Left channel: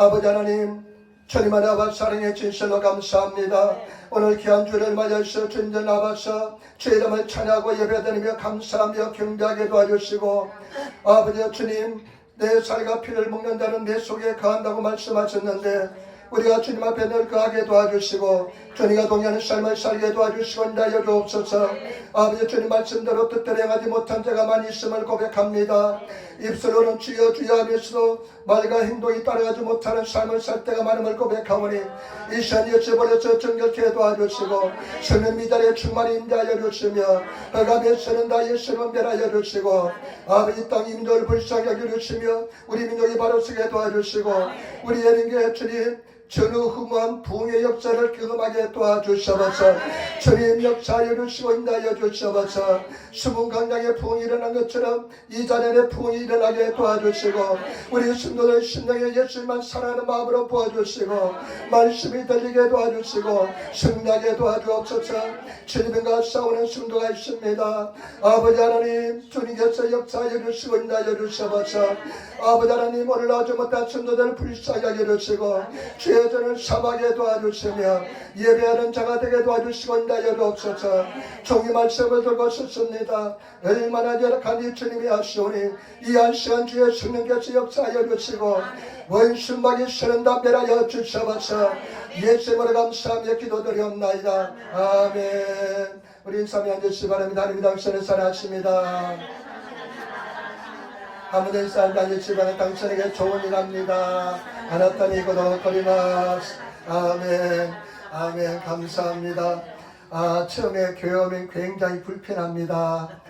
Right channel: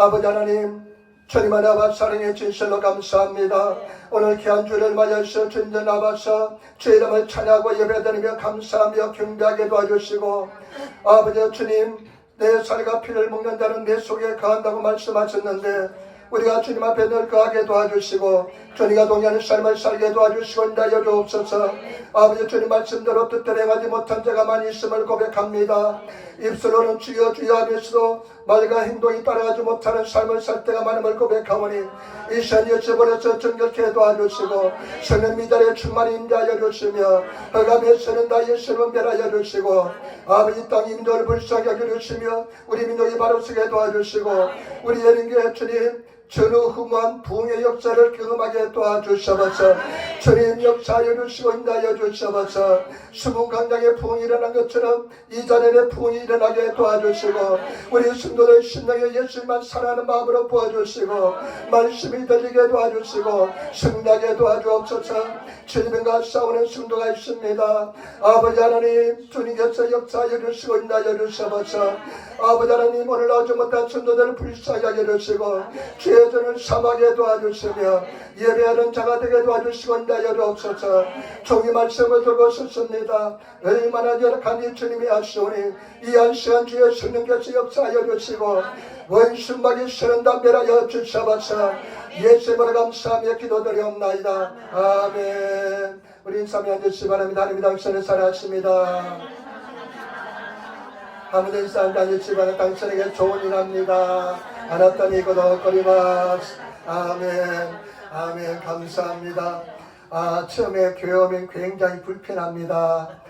아버지 하나님, 주님 안에 아바 사랑의 진실로 감사합니다. 오늘 귀한 주를 맞이하셔 주님 앞에서 주의 이름을 찬양하고 예배드리며 감사하며 경배하게 도와주시고, 아버지 주님, 내 살과 피를 먹는 자는 내 속에 거한다고 말씀하셨는데 우리가 주님 앞에 늘 거하게 도와주시고 주님과 동의하는 삶을 살게 도와주시고 인자여 주옵소서. 아버지 주님 말씀대로 뜻대로 행하지 못한 자가 많이 있음을 고백합니다. 입술로는 주여 주여 하면서도 말과 행동이 따라가지 못하는 삶을 살 때가 많음을 고백하오니 이 시간 여쭤버려서 정결케 도와주시고 성령 미달의 충만히 임자하여 주시며 허감에 서는 다 예수를 멸하여 주시고 아버지 땅 인도를 불쌍히 여겨주시며 우리 민족이 바로 서게 도와주시고 우리 예능계 주님 전후후무한 부흥의 역사를 경험하게 도와주셔서 주님 역사하여 주시고 인도하여 주셔서 수문강장의 부흥이 일어난 것처럼 이 자리에 부흥이 일어나게 도와주시고 우리 성도들 심령에 예수님만 사랑하는 마음으로 부어주시고 말씀이 들리게 도와주시고 승리하게 도와주옵소서. 주님과 싸우는 성도가 있습니다. 아버지 하나님 주님께서 역사하여 주시고 인도하여 주셔서 아버지 하나님 오늘 나오지 못한 성도들을 불쌍히 하게 해주시고 주의 전을 삼하게 도와주시며 예배하는 자가 되게 도와주시고 인도하여 주옵소서. 종이 말씀을 들고 섰습니다. 얼마나 열악한 주님이 하시오니 이 한 시간 주의 성령께서 역사하여 주시고 원수막이 서는 담배하여 주셔서 예수님으로 감사하며 기도드리옵나이다. 아멘. 우리 인사하며 앉으시기 바랍니다. 하나님 당신을 사랑하십니다. 하나님 인사하며 앉으시기 바랍니다. 당신에게 좋은 일 합니다. 하나님이 거듭거리마스. 아멘. 아멘. 감사합니다. 처음에 교회 오면 굉장히 불편합니다.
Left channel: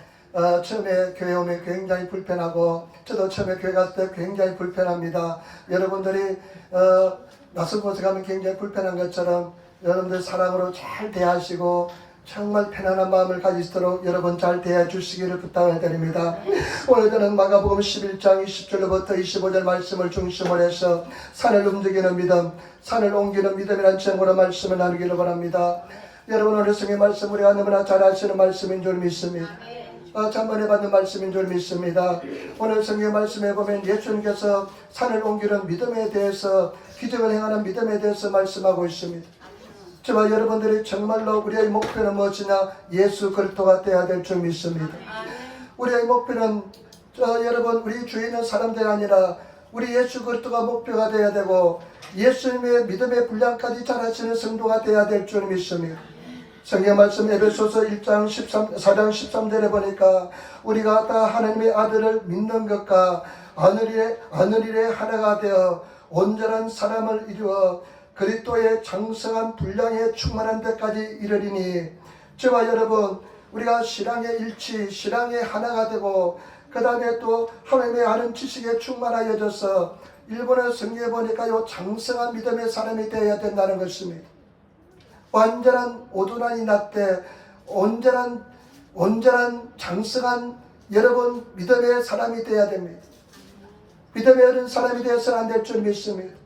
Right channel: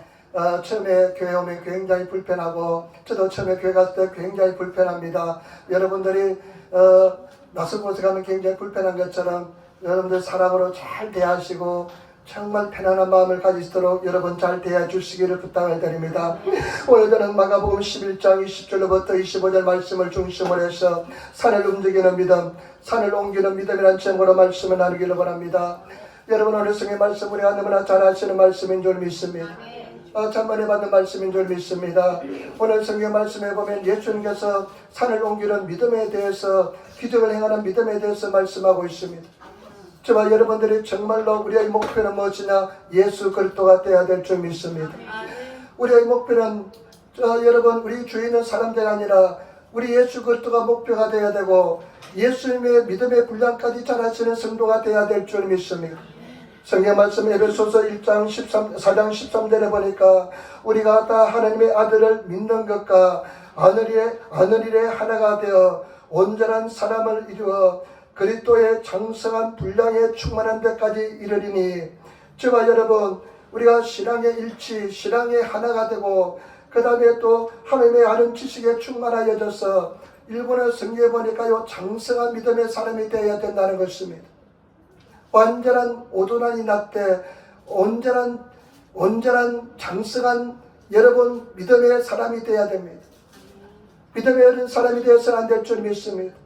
처음에 교회 오면 굉장히 불편하고 저도 처음에 교회 갔을 때 굉장히 불편합니다. 여러분들이 낯선 곳에 가면 굉장히 불편한 것처럼 여러분들 사랑으로 잘 대하시고 정말 편안한 마음을 가지도록 여러분 잘 대해 주시기를 부탁을 드립니다. 오늘 저는 마가복음 11장 20절로부터 25절 말씀을 중심으로 해서 산을 움직이는 믿음, 산을 옮기는 믿음이라는 제목으로 말씀을 나누기를 원합니다. 여러분 오늘 성의 말씀 우리가 너무나 잘 아시는 말씀인 줄 믿습니다. 천만에 받는 말씀인 줄 믿습니다. 오늘 성경 말씀에 보면 예수님께서 산을 옮기는 믿음에 대해서 기적을 행하는 믿음에 대해서 말씀하고 있습니다. 저와 여러분들이 정말로 우리의 목표는 무엇이냐? 예수 그리스도가 되어야 될 줄 믿습니다. 우리의 목표는 여러분 우리 주위에 있는 사람들이 아니라 우리 예수 그리스도가 목표가 되어야 되고 예수님의 믿음의 분량까지 잘 아시는 성도가 되어야 될 줄 믿습니다. 성경 말씀 에베소서 1장 4장 13절에 보니까 우리가 다 하나님의 아들을 믿는 것과 하늘일에 하나가 되어 온전한 사람을 이루어 그리스도의 장성한 분량에 충만한 데까지 이르리니, 저와 여러분 우리가 신앙의 일치, 신앙의 하나가 되고 그 다음에 또 하나님의 아는 지식에 충만하여져서 일본어 성경에 보니까 요 장성한 믿음의 사람이 되어야 된다는 것입니다. 완전한 오도난이 났대 온전한 장성한 여러분 믿음의 사람이 되어야 됩니다. 믿음의 어른 사람이 되어서는 안 될 줄 믿습니다.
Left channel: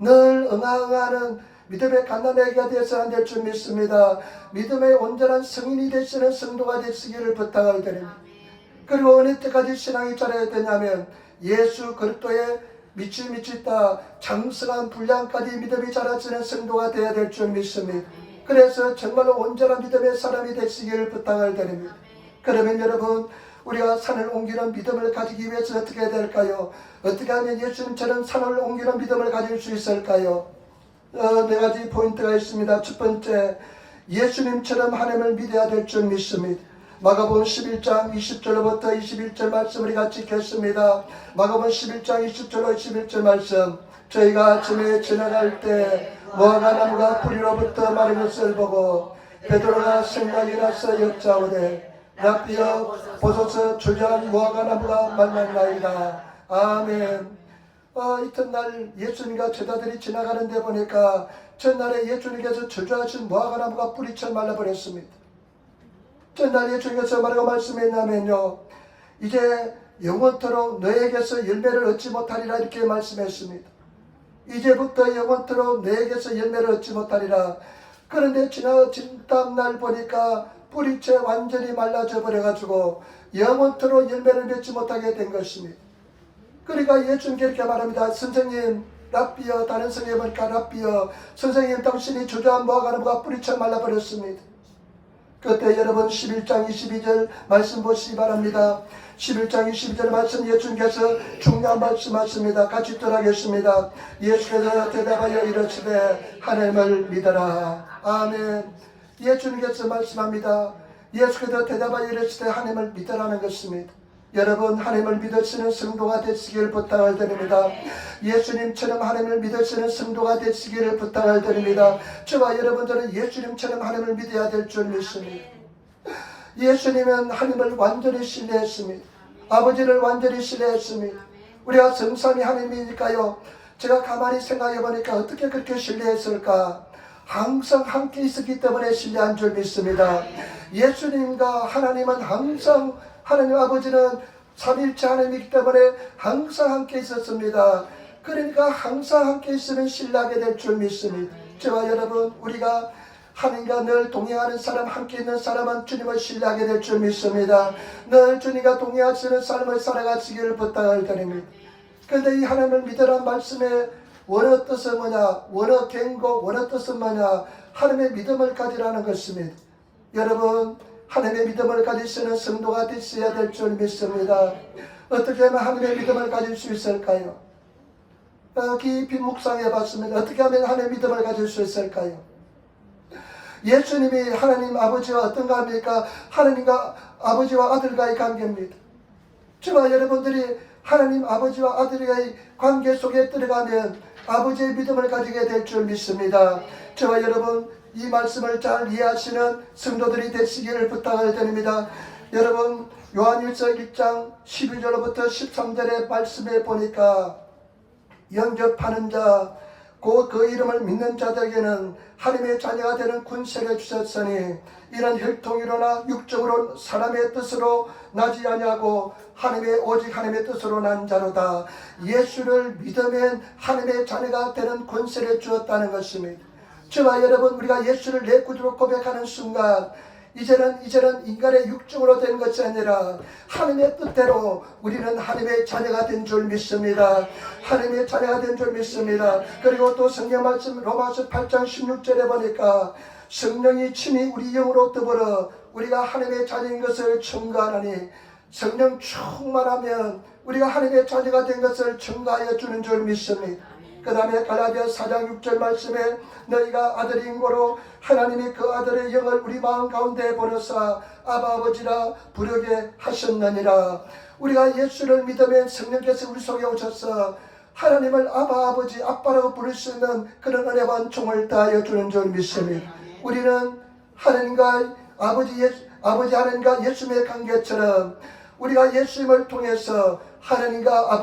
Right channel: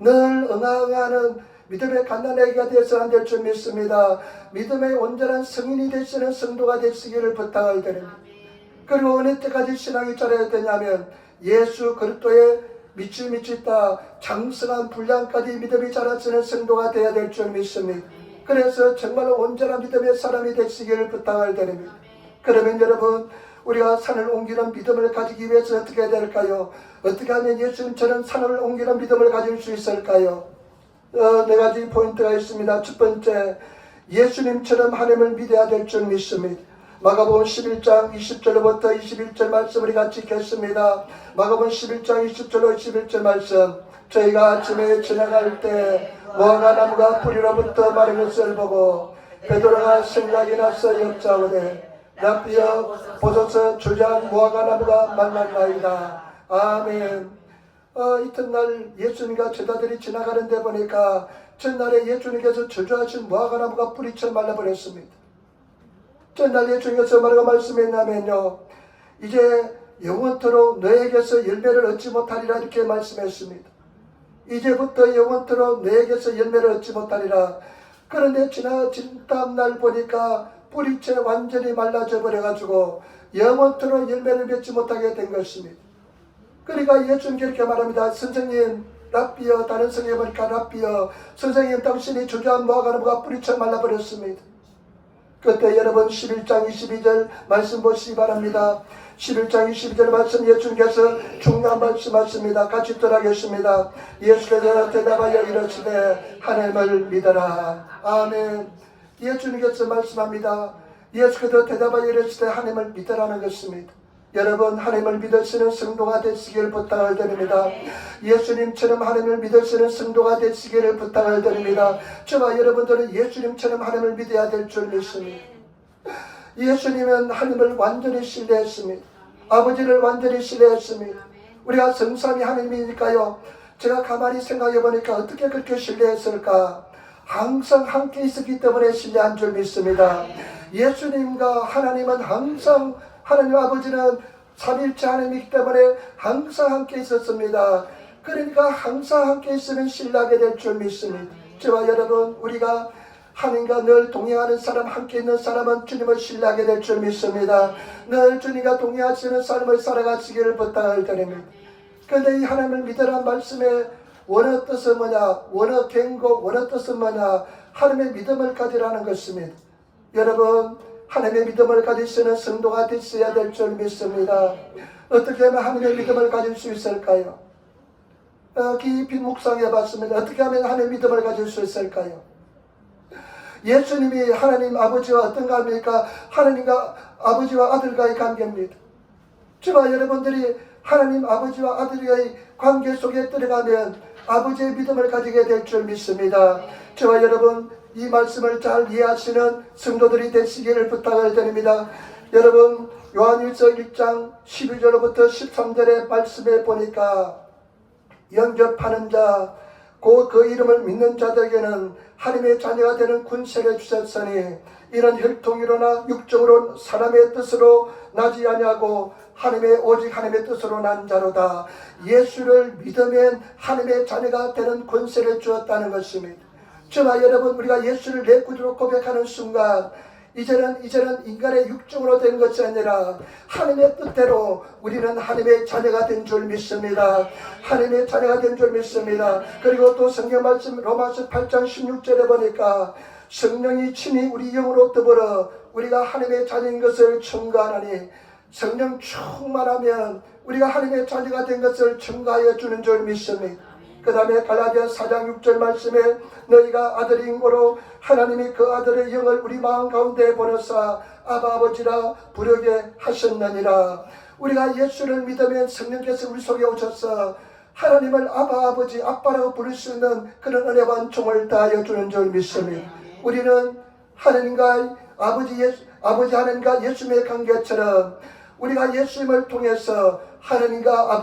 늘 응하는 믿음의 갓난아기가 되어서는 안 될 줄 믿습니다. 믿음의 온전한 성인이 되시는 성도가 되시기를 부탁을 드립니다. 그리고 어느 때까지 신앙이 자라야 되냐면 예수 그리스도의 미치다 장성한 분량까지 믿음이 자라시는 성도가 되어야 될 줄 믿습니다. 그래서 정말 온전한 믿음의 사람이 되시기를 부탁을 드립니다. 그러면 여러분 우리가 산을 옮기는 믿음을 가지기 위해서 어떻게 해야 될까요? 어떻게 하면 예수님처럼 산을 옮기는 믿음을 가질 수 있을까요? 네 가지 포인트가 있습니다. 첫 번째, 예수님처럼 하나님을 믿어야 될 줄 믿습니다. 마가복음 11장 20절부터 21절 말씀 우리 같이 읽겠습니다. 마가복음 11장 20절로 21절 말씀. 저희가 아침에 지나갈 때 무화과 나무가 뿌리로부터 마른 것을 보고 베드로가 생각이 나서 여짜오되 랍비여 보소서 주저한 무화과 나무가 말랐나이다. 아멘. 이튿날 예수님과 제자들이 지나가는데 보니까 전날에 예수님께서 저주하신 무화과 나무가 뿌리쳐 말라버렸습니다. 전날 예수님께서 뭐라고 말씀했냐면요, 이제 영원토록 너에게서 열매를 얻지 못하리라 이렇게 말씀했습니다. 이제부터 영원토록 너에게서 열매를 얻지 못하리라. 그런데 지나친 다음날 보니까 뿌리채 완전히 말라져 버려가지고 영원토록 열매를 맺지 못하게 된 것입니다. 그러니까 예수님께 이렇게 말합니다. 선생님, 랍비여 다른 성경에 보니까 랍비여 선생님 당신이 주저한 모아가는 뿌리쳐 말라버렸습니다. 그때 여러분 11장 22절 말씀 보시기 바랍니다. 11장 22절 말씀 예수님께서 중요한 말씀하십니다. 같이 따라하겠습니다. 예수께서 대답하여 이르시되 하나님을 믿어라. 아멘. 예수님께서 말씀합니다. 예수께서 대답하여 이르시되 하나님을 믿으라는 것입니다. 여러분 하나님을 믿으시는 성도가 되시길 부탁을 드립니다. 예수님처럼 하나님을 믿으시는 성도가 되시기를 부탁을 드립니다. 저와 여러분들은 예수님처럼 하나님을 믿어야 될 줄 믿습니다. 예수님은 하나님을 완전히 신뢰했습니다. 아버지를 완전히 신뢰했습니다. 우리가 성삼위 하나님이니까요. 제가 가만히 생각해 보니까 어떻게 그렇게 신뢰했을까? 항상 함께 있었기 때문에 신뢰한 줄 믿습니다. 예수님과 하나님은 항상 하나님 아버지는 삼위일체 하나님이기 때문에 항상 함께 있었습니다. 그러니까 항상 함께 있으면 신뢰하게 될 줄 믿습니다. 저와 여러분 우리가 하나님과 늘 동행하는 사람, 함께 있는 사람은 주님을 신뢰하게 될 줄 믿습니다. 늘 주님과 동행하시는 삶을 살아가시기를 부탁을 드립니다. 그런데 이 하나님을 믿으란 말씀의 원어 뜻은 뭐냐? 원어 갱곡 원어 뜻은 뭐냐? 하나님의 믿음을 가지라는 것입니다. 여러분 하나님의 믿음을 가지시는 성도가 되셔야 될 줄 믿습니다. 어떻게 하면 하나님의 믿음을 가질 수 있을까요? 깊이 묵상해 봤습니다. 어떻게 하면 하나님의 믿음을 가질 수 있을까요? 예수님이 하나님 아버지와 어떤 관계입니까? 하나님과 아버지와 아들과의 관계입니다. 저와 여러분들이 하나님 아버지와 아들의 관계 속에 들어가면 아버지의 믿음을 가지게 될 줄 믿습니다. 저와 여러분 이 말씀을 잘 이해하시는 성도들이 되시기를 부탁을 드립니다. 여러분 요한일서 1장 12절부터 13절의 말씀에 보니까 영접하는 자 곧 그 이름을 믿는 자들에게는 하나님의 자녀가 되는 군세를 주셨으니 이런 혈통이로나 육적으로 사람의 뜻으로 나지 아니하고 오직 하나님의 뜻으로 난 자로다. 예수를 믿으면 하나님의 자녀가 되는 권세를 주었다는 것입니다. 저와 여러분 우리가 예수를 내 구주로 고백하는 순간 이제는 인간의 육정으로 된 것이 아니라 하나님의 뜻대로 우리는 하나님의 자녀가 된 줄 믿습니다. 하나님의 자녀가 된 줄 믿습니다. 그리고 또 성경 말씀 로마서 8장 16절에 보니까 성령이 친히 우리 영으로 더불어 우리가 하나님의 자녀인 것을 증거하나니 성령 충만하면 우리가 하나님의 자녀가 된 것을 증거하여 주는 줄 믿습니다. 그 다음에 갈라디아 4장 6절 말씀에 너희가 아들인 고로 하나님이 그 아들의 영을 우리 마음 가운데 보내사 아바 아버지라 부르게 하셨느니라. 우리가 예수를 믿으면 성령께서 우리 속에 오셔서 하나님을 아바 아버지 아빠라고 부를 수 있는 그런 은혜와 은총을 다하여 주는 줄 믿습니다. 우리는 하나님과 아버지 하나님과 예수님의 관계처럼 우리가 예수님을 통해서 하나님과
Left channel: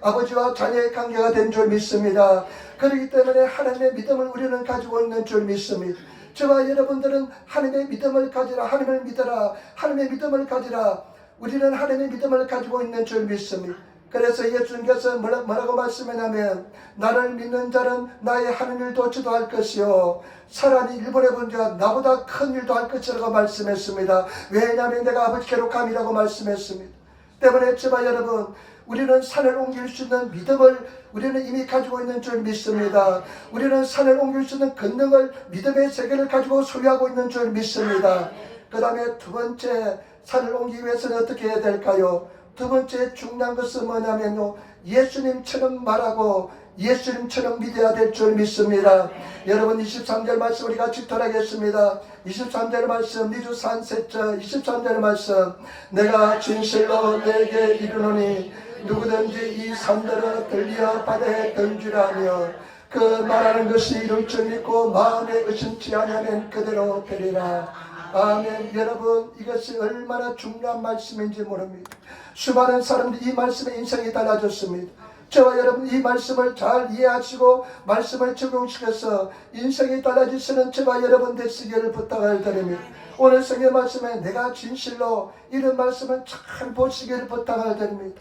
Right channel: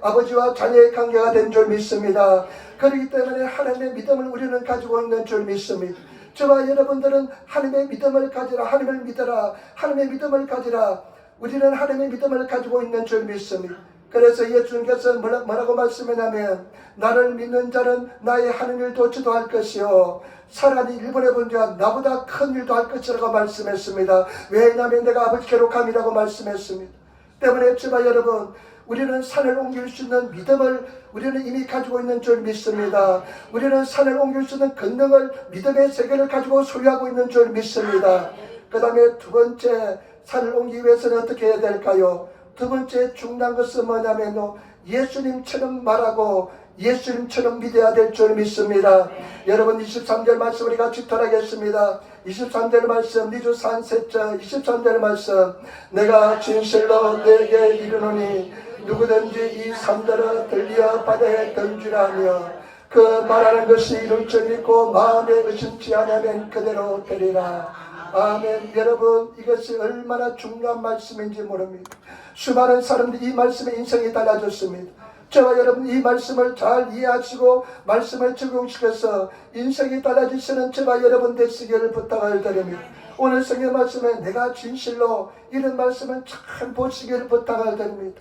아버지와 자녀의 관계가 된 줄 믿습니다. 그렇기 때문에 하나님의 믿음을 우리는 가지고 있는 줄 믿습니다. 저와 여러분들은 하나님의 믿음을 가지라, 하나님을 믿어라, 하나님의 믿음을 가지라. 우리는 하나님의 믿음을 가지고 있는 줄 믿습니다. 그래서 예수님께서 뭐라고 말씀하냐면 나를 믿는 자는 나의 하는 일도 저도 할 것이요 사람이 일본에 본 자가 나보다 큰 일도 할 것이라고 말씀했습니다. 왜냐하면 내가 아버지께로 감이라고 말씀했습니다. 때문에 저와 여러분 우리는 산을 옮길 수 있는 믿음을 우리는 이미 가지고 있는 줄 믿습니다. 우리는 산을 옮길 수 있는 권능을 믿음의 세계를 가지고 소유하고 있는 줄 믿습니다. 그 다음에 두 번째 산을 옮기기 위해서는 어떻게 해야 될까요? 두 번째 중요한 것은 뭐냐면요 예수님처럼 말하고 예수님처럼 믿어야 될 줄 믿습니다. 여러분 23절 말씀 우리 같이 돌아가겠습니다. 23절 말씀 니주산 셋째 23절 말씀 내가 진실로 내게 이르노니 누구든지 이 산들을 들리어 바다에 던지라며 그 말하는 것이 이룰 줄 믿고 마음에 의심치 않으면 그대로 되리라. 아멘. 여러분 이것이 얼마나 중요한 말씀인지 모릅니다. 수많은 사람들이 이 말씀에 인생이 달라졌습니다. 저와 여러분 이 말씀을 잘 이해하시고 말씀을 적용시켜서 인생이 달라지시는 저와 여러분 되시기를 부탁을 드립니다. 오늘 성경 말씀에 내가 진실로 이런 말씀을 잘 보시기를 부탁을 드립니다.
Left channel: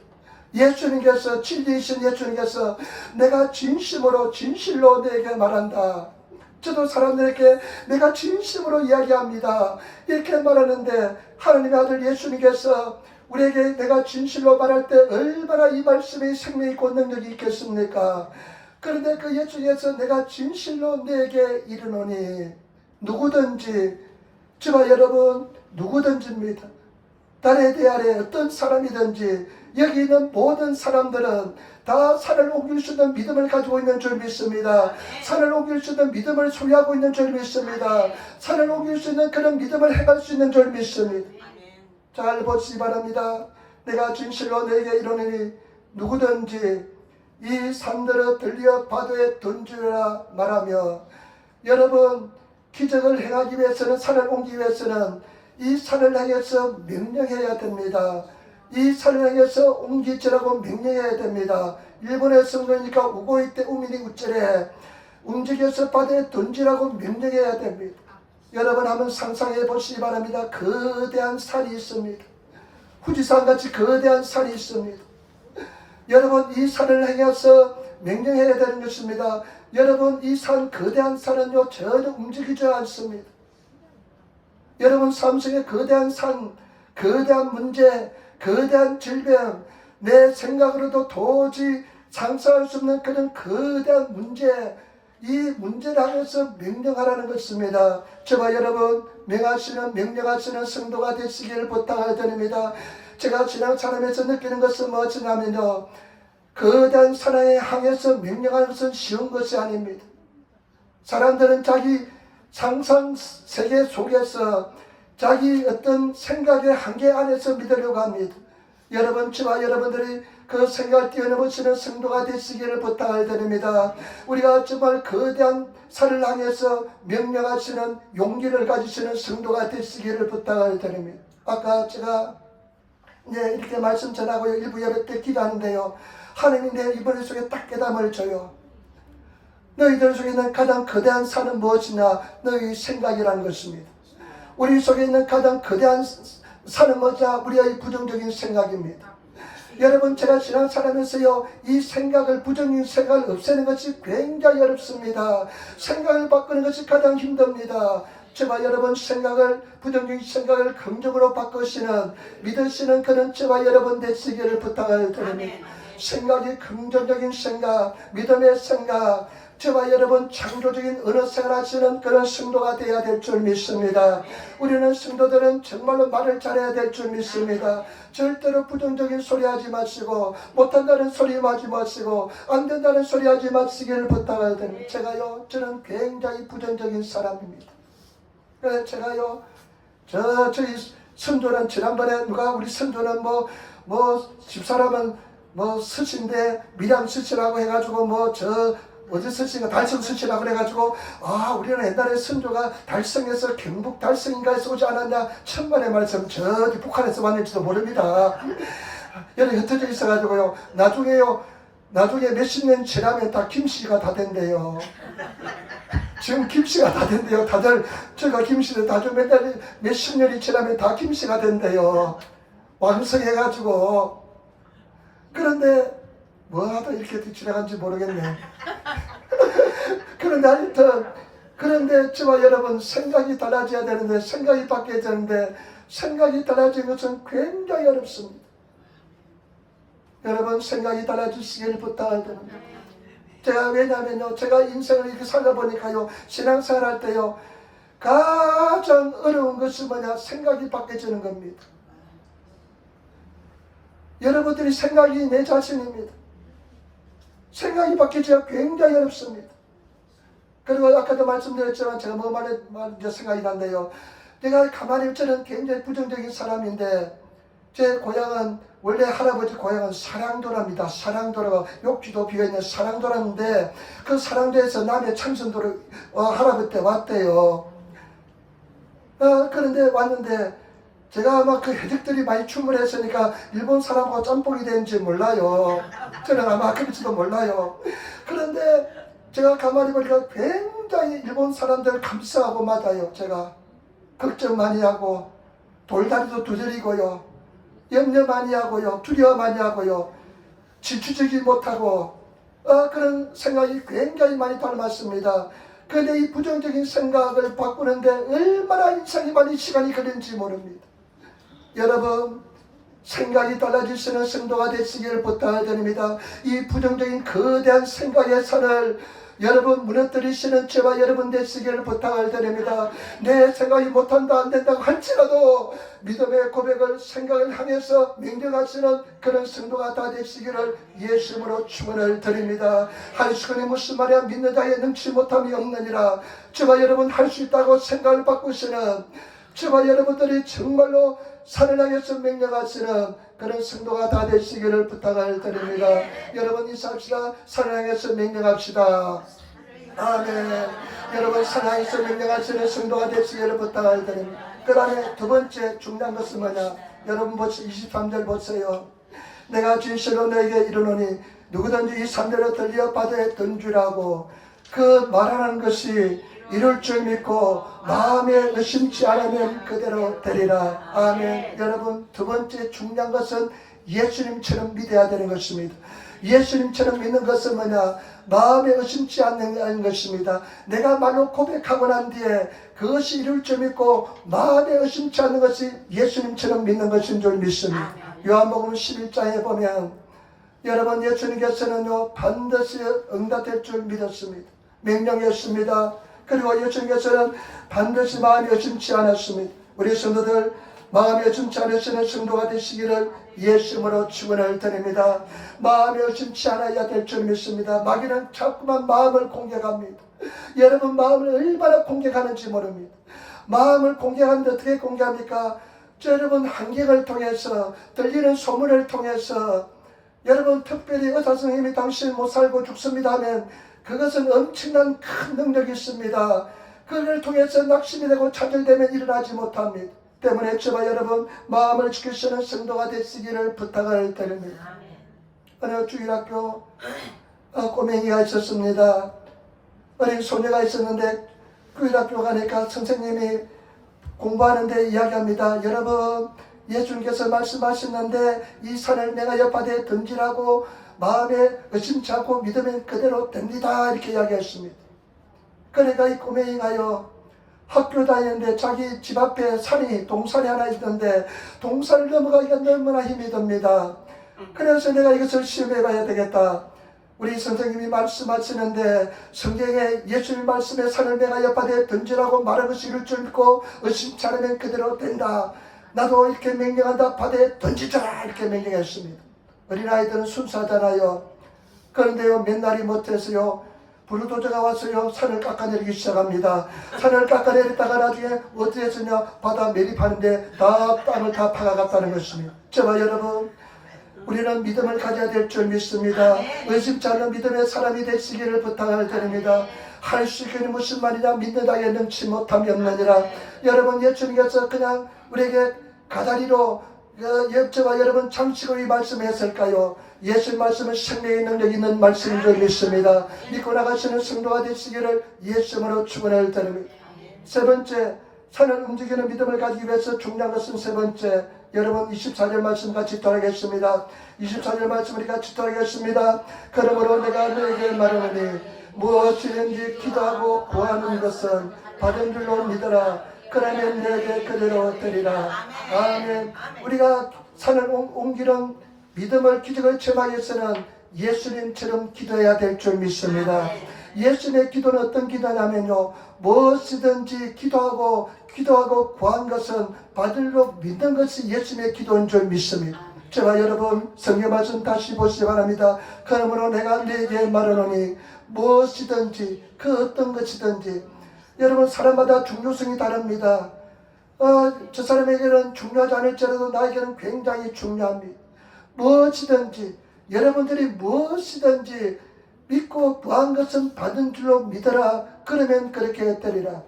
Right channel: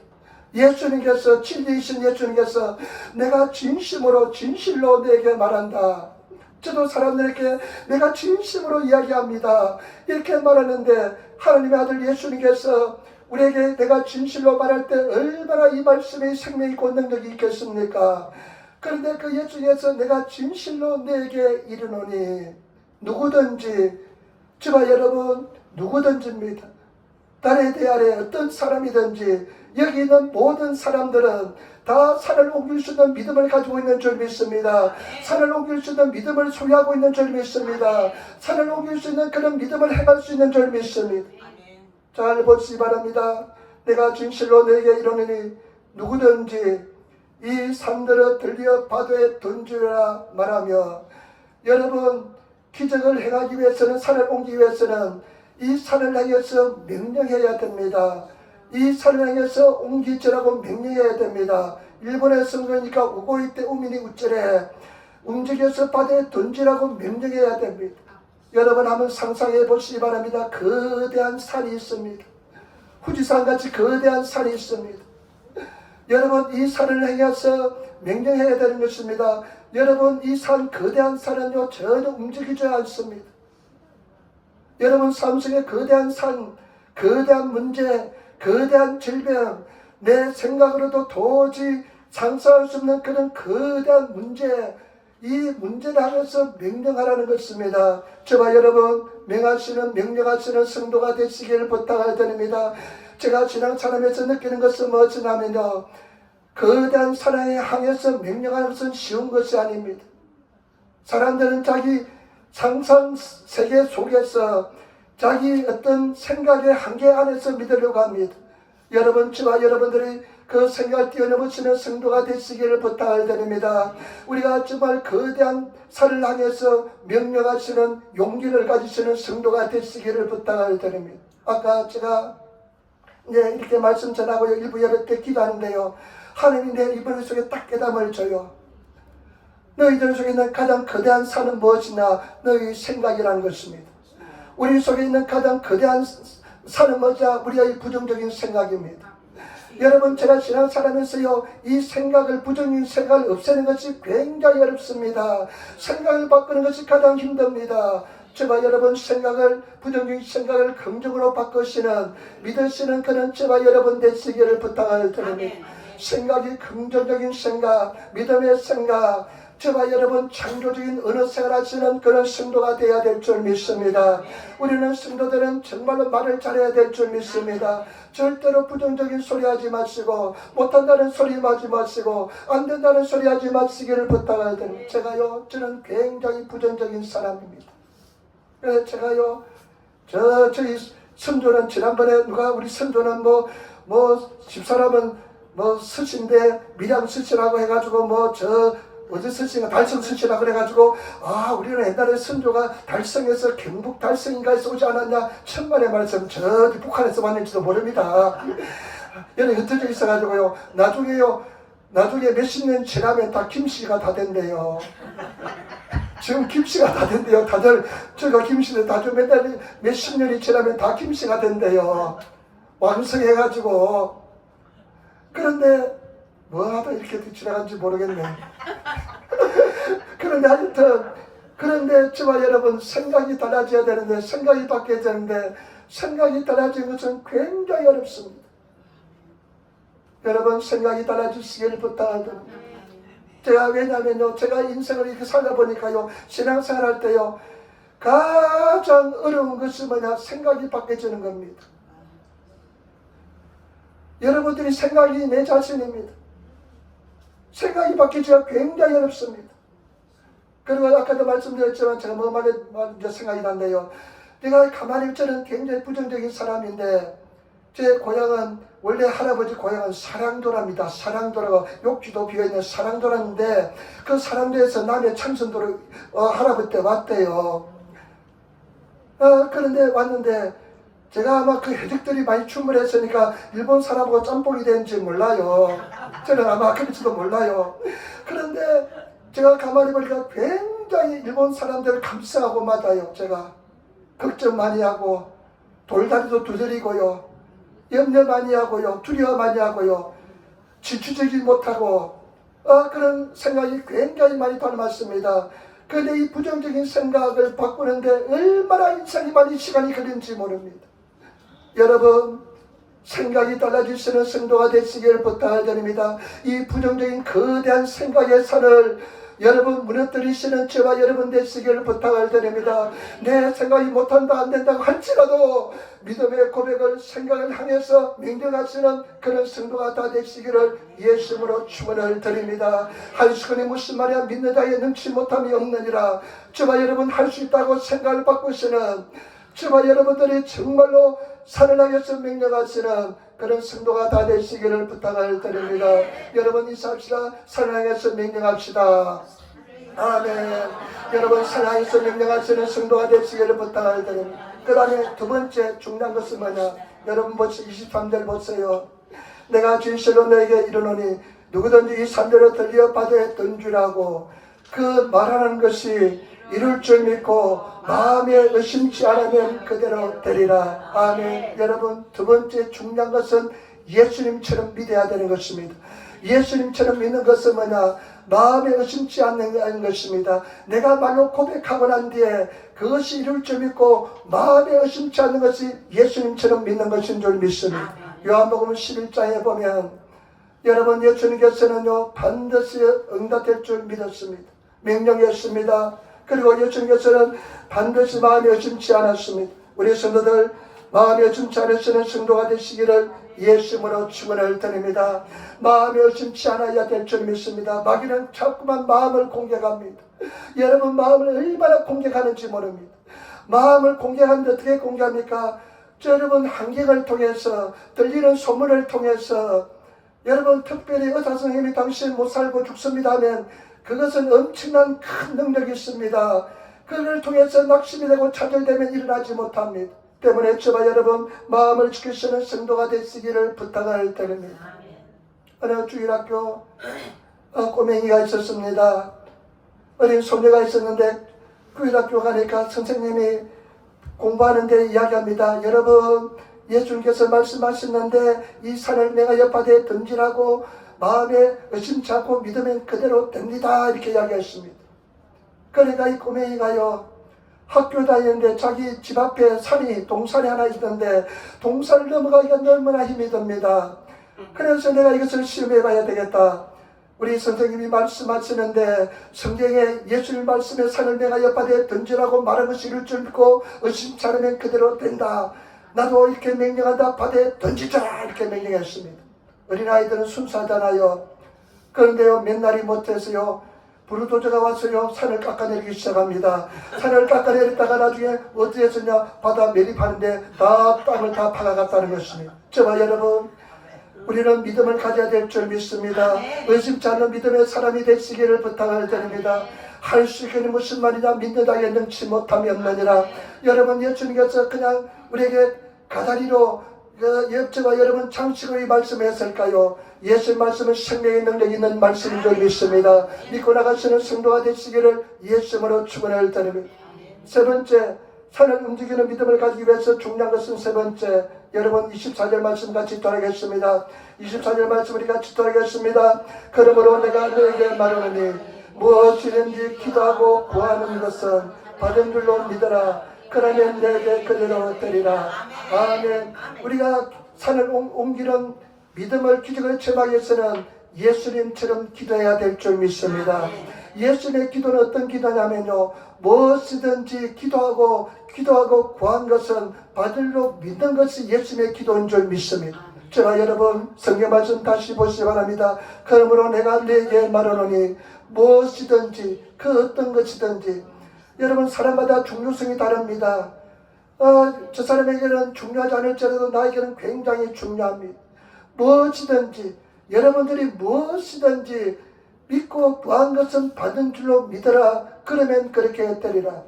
예수님께서 진리이신 예수님께서 내가 진실로 내게 말한다. 저도 사람들에게 내가 진심으로 이야기합니다. 이렇게 말하는데 하나님의 아들 예수님께서 우리에게 내가 진실로 말할 때 얼마나 이 말씀에 생명이 있고 능력이 있겠습니까? 그런데 그 예 중에서 내가 진실로 너에게 이르노니 누구든지, 저와 여러분 누구든지입니다. 달에 대하여 어떤 사람이든지 여기 있는 모든 사람들은 다 산을 옮길 수 있는 믿음을 가지고 있는 줄 믿습니다. 산을 옮길 수 있는 믿음을 소유하고 있는 줄 믿습니다. 산을 옮길 수 있는 그런 믿음을 행할 수 있는 줄 믿습니다. 잘 보시기 바랍니다. 내가 진실로 너에게 이르노니 누구든지 이 산들을 들려 바다에 던지라 말하며, 여러분 기적을 행하기 위해서는, 산을 옮기기 위해서는 이 산을 향해서 명령해야 됩니다. 이 산을 향해서 옮기지라고 명령해야 됩니다. 일본에서 그러니까 우고이 때 우민이 우째래 움직여서 바다에 던지라고 명령해야 됩니다. 여러분 한번 상상해 보시기 바랍니다. 거대한 산이 있습니다. 후지산같이 거대한 산이 있습니다. 여러분 이 산을 향해서 명령해야 되는 것입니다. 여러분 이 산, 거대한 산은요 전혀 움직이지 않습니다. 여러분 삶 속에 거대한 산, 거대한 문제, 거대한 질병, 내 생각으로도 도저히 상상할 수 없는 그런 거대한 문제, 이 문제를 향해서 명령하라는 것입니다. 저와 여러분 명령하시는 성도가 되시기를 부탁을 드립니다. 제가 지난 사람에서 느끼는 것은 무엇이냐면요, 거대한 사랑에 향해서 명령하는 것은 쉬운 것이 아닙니다. 사람들은 자기 상상 세계 속에서 자기 어떤 생각의 한계 안에서 믿으려고 합니다. 여러분, 저와 여러분들이 그 생각을 뛰어넘으시는 성도가 되시기를 부탁을 드립니다. 우리가 정말 거대한 산을 향해서 명령하시는 용기를 가지시는 성도가 되시기를 부탁을 드립니다. 아까 제가 이렇게 말씀 전하고 일부 예배 때 기도하는데요, 하나님이 내 이번 속에 딱 깨달음을 줘요. 너희들 속에 있는 가장 거대한 산은 무엇이냐? 너희 생각이라는 것입니다. 우리 속에 있는 가장 거대한 산은 뭐냐? 우리의 부정적인 생각입니다. 여러분, 제가 지난 사람에서요, 이 생각을, 부정적인 생각을 없애는 것이 굉장히 어렵습니다. 생각을 바꾸는 것이 가장 힘듭니다. 저와 여러분 부정적인 생각을 긍정으로 바꾸시는, 믿으시는 그런 저와 여러분 되시기를 부탁을 드립니다. 생각이 긍정적인 생각, 믿음의 생각, 저와 여러분 창조적인 언어 생활 하시는 그런 성도가 되어야 될 줄 믿습니다. 우리는 성도들은 정말로 말을 잘해야 될 줄 믿습니다. 절대로 부정적인 소리 하지 마시고, 못한다는 소리 하지 마시고, 안 된다는 소리 하지 마시기를 부탁을 드립니다. 저는 굉장히 부정적인 사람입니다. 그래서 저희 선조는 지난번에 우리 선조는 집사람은 스신데 밀양 스시라고 해가지고 어디 스시가 달성 스시라고 그래가지고, 우리는 옛날에 선조가 달성에서 경북 달성인가 에서 오지 않았냐, 천만의 말씀, 저기 북한에서 왔는지도 모릅니다. 여기 흩어져 있어가지고요, 나중에 몇십 년 지나면 다 김씨가 다 된대요. 지금 김씨가 다 된대요. 다들 저희가 김씨는 다 좀 맨날 몇십 년이 지나면 다 김씨가 된대요. 완성해가지고. 그런데 뭐하다 이렇게 지나간지 모르겠네. 그런데 하여튼, 그런데 저와 여러분 생각이 달라져야 되는데, 생각이 바뀌어야 되는데, 생각이 달라지는 것은 굉장히 어렵습니다. 여러분 생각이 달라지시기를 부탁드립니다. 왜냐하면요, 제가 인생을 이렇게 살다 보니까요, 신앙생활 할 때요, 가장 어려운 것이 뭐냐? 생각이 바뀌어지는 겁니다. 여러분들이 생각이 내 자신입니다. 생각이 바뀌기가 굉장히 어렵습니다. 그리고 아까도 말씀드렸지만 제가 이제 생각이 났네요. 내가 가만히 저는 굉장히 부정적인 사람인데, 제 고향은 원래 할아버지 고향은 사랑도랍니다. 사랑도라고 욕지도 비어있는 사랑도라인데, 그 사랑도에서 남해 참선도로 할아버지 때 왔대요. 그런데 왔는데 제가 아마 그 해적들이 많이 춤을 했으니까 일본 사람하고 짬뽕이 되는지 몰라요. 저는 아마 그럴지도 몰라요. 그런데 제가 가만히 보니까 굉장히 일본 사람들 감싸고 맞아요. 제가 걱정 많이 하고, 돌다리도 두드리고요, 염려 많이 하고요, 두려워 많이 하고요, 질투적이 못하고, 그런 생각이 굉장히 많이 닮았습니다. 그런데 이 부정적인 생각을 바꾸는데 얼마나 인생이 많이 시간이 걸리는지 모릅니다. 여러분, 생각이 달라질 수 있는 성도가 되시길 부탁드립니다. 이 부정적인 거대한 생각의 산을 여러분 무너뜨리시는 저와 여러분 되시기를 부탁을 드립니다. 내 생각이 못한다 안된다고 할지라도 믿음의 고백을 생각을 향해서 명령하시는 그런 성도가 다 되시기를 예수님으로 축원을 드립니다. 할 수 있는 무슨 말이야 믿는 자에 능치 못함이 없느니라. 저와 여러분 할 수 있다고 생각을 바꾸시는 저와 여러분들이 정말로 산을 향해서 명령하시는 그런 성도가 다 되시기를 부탁을 드립니다. 여러분 인사합시다. 산을 향해서 명령합시다. 아멘. 여러분 산을 향해서 명령하시는 성도가 되시기를 부탁을 드립니다. 그 다음에 두 번째 중요한 것은 뭐냐. 여러분 보세요. 23절 보세요. 내가 진실로 너에게 이르노니 누구든지 이 산들을 들려 바다에 던지라고 그 말하는 것이 이룰 줄 믿고 마음에 의심치 않으면 그대로 되리라. 아멘. 여러분 두 번째 중요한 것은 예수님처럼 믿어야 되는 것입니다. 예수님처럼 믿는 것은 뭐냐? 마음에 의심치 않는 것입니다. 내가 말로 고백하고 난 뒤에 그것이 이룰 줄 믿고 마음에 의심치 않는 것이 예수님처럼 믿는 것인 줄 믿습니다. 요한복음 11장에 보면 여러분 예수님께서는요 반드시 응답될 줄 믿었습니다. 명령했습니다. 그리고 예수님께서는 반드시 마음에 의심치 않았습니다. 우리 성도들 마음에 의심치 않으시는 성도가 되시기를 예수님으로 축원을 드립니다. 마음에 의심치 않아야 될 줄 믿습니다. 마귀는 자꾸만 마음을 공격합니다. 여러분 마음을 얼마나 공격하는지 모릅니다. 마음을 공격하는데 어떻게 공격합니까? 여러분 환경을 통해서 들리는 소문을 통해서 여러분 특별히 의사 선생님이 당신 못 살고 죽습니다 하면 그것은 엄청난 큰 능력이 있습니다. 그를 통해서 낙심이 되고 차별되면 일어나지 못합니다. 때문에 저와 여러분 마음을 지키시는 성도가 되시기를 부탁을 드립니다. 어느 주일학교 꼬맹이가 있었습니다. 어린 소녀가 있었는데 주일학교 가니까 선생님이 공부하는데 이야기합니다. 여러분 예수님께서 말씀하셨는데 이 산을 내가 옆바다에 던지라고 마음에 의심치 않고 믿으면 그대로 됩니다. 이렇게 이야기했습니다. 그러니까 이 꼬맹이가요 학교 다니는데 자기 집 앞에 동산이 하나 있던데 동산을 넘어가기가 너무나 힘이 듭니다. 그래서 내가 이것을 시험해 봐야 되겠다. 우리 선생님이 말씀하시는데 성경에 예수님 말씀에 산을 내가 옆바다에 던지라고 말한 것이 이룰 줄 믿고 의심치 않으면 그대로 된다. 나도 이렇게 명령한다. 바다에 던지자 이렇게 명령했습니다. 어린아이들은 순수하잖아요. 그런데요 몇 날이 못해서요 부르도저가 와서요 산을 깎아내리기 시작합니다. 산을 깎아내렸다가 나중에 어디에 서냐 바다 매립하는데 다 땅을 다 파가갔다는 것입니다. 저와 여러분 우리는 믿음을 가져야 될 줄 믿습니다. 의심치 않는 믿음의 사람이 되시기를 부탁을 드립니다. 할 수 있는 무슨 말이냐 믿는 자에 능치 못함이 없느니라. 여러분 예수님께서 그냥 우리에게 가다리로 저와 여러분 장식으로 이 말씀을 했을까요? 예수의 말씀은 생명의 능력 있는 말씀인 줄 믿습니다. 믿고 나가시는 성도가 되시기를 예수님으로 축원을 드립니다. 세 번째 산을 움직이는 믿음을 가지기 위해서 중요한 것은 세 번째 여러분 24절 말씀 같이 돌아가겠습니다. 24절 말씀 우리 같이 돌아가겠습니다. 그러므로 내가 너에게 말하노니 무엇이든지 기도하고 구하는 것은 받은 줄로 믿어라. 그러면 내게 그대로 되리라. 아멘. 우리가 산을 옮기는 믿음을 기적을 체험하기 위해서는 예수님처럼 기도해야 될 줄 믿습니다. 예수님의 기도는 어떤 기도냐면요 무엇이든지 기도하고 구한 것은 받으려 믿는 것이 예수님의 기도인 줄 믿습니다. 저와 여러분 성경 말씀 다시 보시기 바랍니다. 그러므로 내가 너에게 말하노니 무엇이든지 그 어떤 것이든지 여러분 사람마다 중요성이 다릅니다. 저 사람에게는 중요하지 않을지라도 나에게는 굉장히 중요합니다. 무엇이든지 여러분들이 무엇이든지 믿고 구한 것은 받은 줄로 믿어라. 그러면 그렇게 되리라.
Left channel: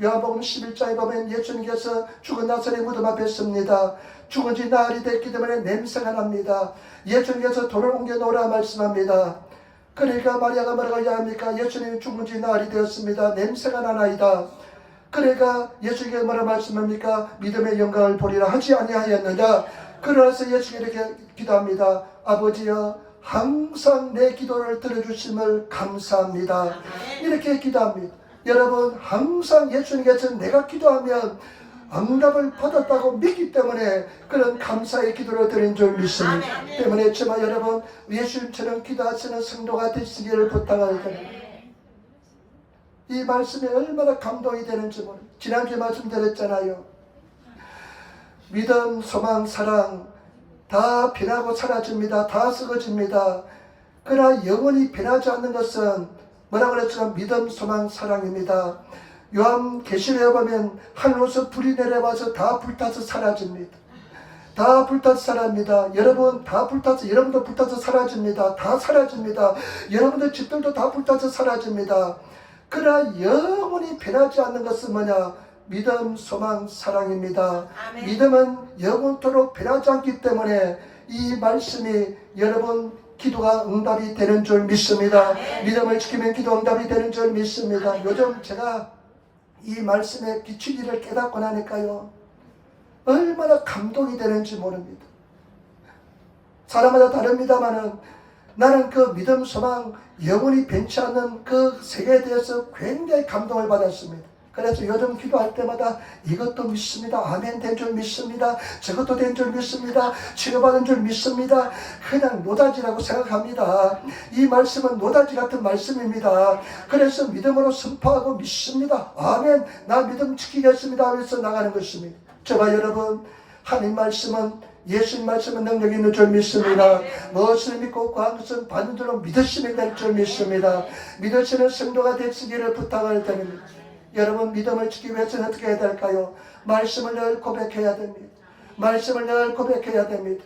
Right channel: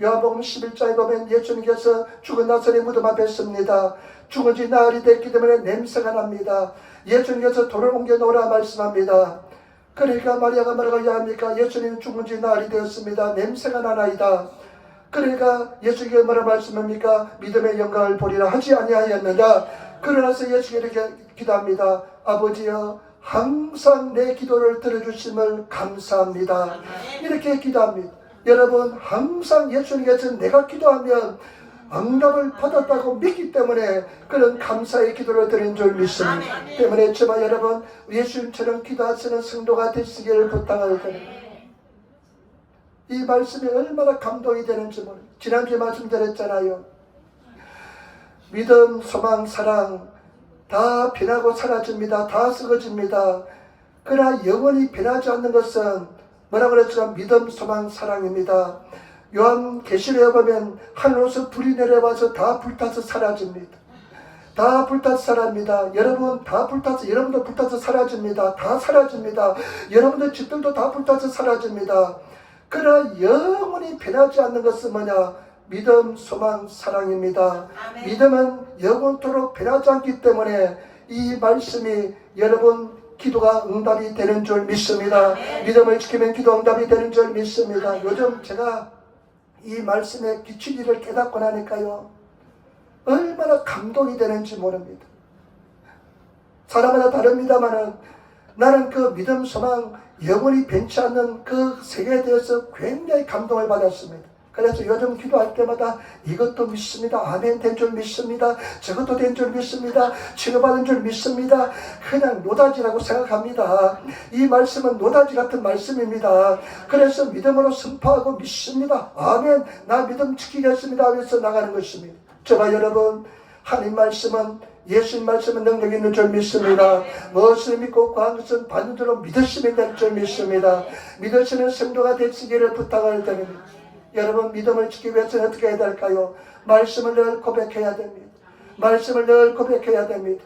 요한복음 11장에 보면 예수님께서 죽은 나사렛 무덤 앞에 섭니다. 죽은 지 나흘이 됐기 때문에 냄새가 납니다. 예수님께서 돌을 옮겨 놓으라 말씀합니다. 그러니까 마리아가 뭐라고 이야기합니까? 예수님이 죽은 지 나흘이 되었습니다. 냄새가 나나이다. 그러니까 예수님께서 뭐라 말씀합니까? 믿음의 영광을 보리라 하지 아니하였느냐. 그러나서 예수님이 이렇게 기도합니다. 아버지여 항상 내 기도를 들어주심을 감사합니다. 이렇게 기도합니다. 여러분 항상 예수님께서 내가 기도하면 응답을 받았다고 믿기 때문에 그런 감사의 기도를 드린 줄 믿습니다. 때문에 저와 여러분 예수님처럼 기도하시는 성도가 되시기를 부탁을 드립니다. 이 말씀이 얼마나 감동이 되는지 모릅니다. 지난주에 말씀드렸잖아요. 믿음, 소망, 사랑 다 변하고 사라집니다. 다 썩어집니다. 그러나 영원히 변하지 않는 것은 뭐라고 그랬죠? 믿음, 소망, 사랑입니다. 요한계시록에 보면 하늘로서 불이 내려와서 다 불타서 사라집니다. 다 불타서 사라집니다. 여러분 다 불타서, 여러분도 불타서 사라집니다. 다 사라집니다. 여러분들 집들도 다 불타서 사라집니다. 그러나 영원히 변하지 않는 것은 뭐냐? 믿음, 소망, 사랑입니다. 아멘. 믿음은 영원토록 변하지 않기 때문에 이 말씀이 여러분 기도가 응답이 되는 줄 믿습니다. 아멘. 믿음을 지키면 기도 응답이 되는 줄 믿습니다. 아멘. 요즘 제가 이 말씀의 진리를 깨닫고 나니까요 얼마나 감동이 되는지 모릅니다. 사람마다 다릅니다만은 나는 그 믿음, 소망, 영원히 변치 않는 그 세계에 대해서 굉장히 감동을 받았습니다. 그래서 요즘 기도할 때마다 이것도 믿습니다. 아멘 된 줄 믿습니다. 저것도 된 줄 믿습니다. 치료받은 줄 믿습니다. 그냥 노다지라고 생각합니다. 이 말씀은 노다지 같은 말씀입니다. 그래서 믿음으로 선포하고 믿습니다. 아멘. 나 믿음 지키겠습니다. 하면서 나가는 것입니다. 저와 여러분 하나님 말씀은 예수님 말씀은 능력이 있는 줄 믿습니다. 무엇을 믿고 구하는 것은 받는 줄로 믿으시면 될 줄 믿습니다. 믿으시는 성도가 되시기를 부탁을 드립니다. 여러분 믿음을 지키기 위해서는 어떻게 해야 될까요? 말씀을 늘 고백해야 됩니다. 말씀을 늘 고백해야 됩니다.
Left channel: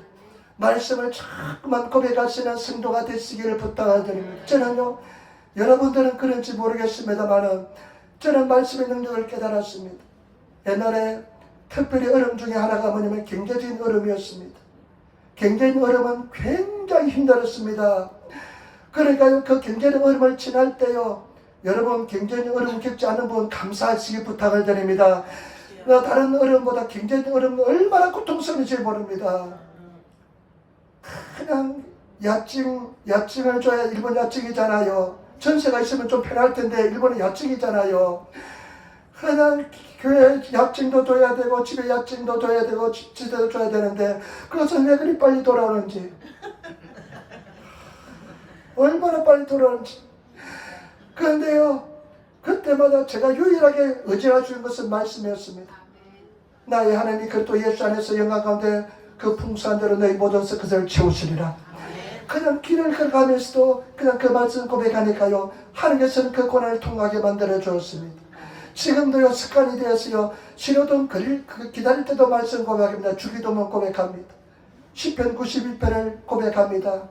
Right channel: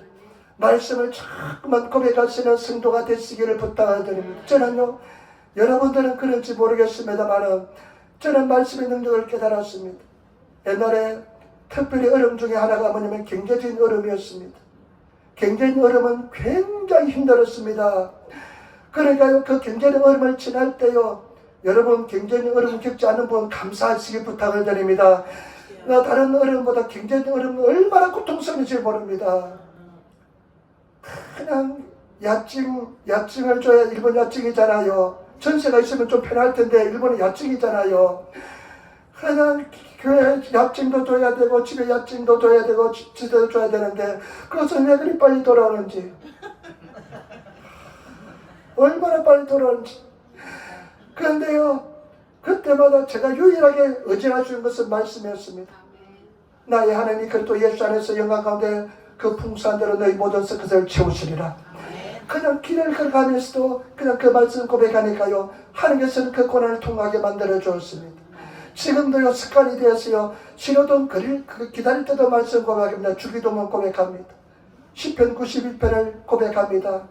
말씀을 자꾸만 고백하시는 성도가 되시기를 부탁을 드립니다. 저는요 여러분들은 그런지 모르겠습니다만 저는 말씀의 능력을 깨달았습니다. 옛날에 특별히 어려움 중에 하나가 뭐냐면 경제적인 어려움이었습니다. 경제적인 어려움은 굉장히 힘들었습니다. 그러니까요 그 경제적 어려움을 지날 때요 여러분 경제적 어려움 겪지 않는 분 감사하시기 부탁을 드립니다. 다른 어려움보다 경제적 어려움은 얼마나 고통스러운지 모릅니다. 그냥 야증을 줘야 일본 야증이잖아요. 전세가 있으면 좀 편할 텐데 일본은 야증이잖아요. 그냥 교회 야증도 줘야 되고 집에 야증도 줘야 되고 지대도 줘야 되는데 그것은 왜 그리 빨리 돌아오는지 얼마나 빨리 돌아오는지. 그런데요 그때마다 제가 유일하게 의지할 수 있는 것은 말씀이었습니다. 나의 하나님이 그리스도 예수 안에서 영광 가운데 그 풍성한 대로 너희 모든 것을 채우시리라. 그냥 길을 걸어가면서도 그냥 그 말씀 고백하니까요 하나님께서는 그 고난을 통하게 만들어 주었습니다. 지금도요 습관이 되었어요. 신호등 기다릴 때도 말씀 고백합니다. 주기도문 고백합니다. 시편 91편을 고백합니다.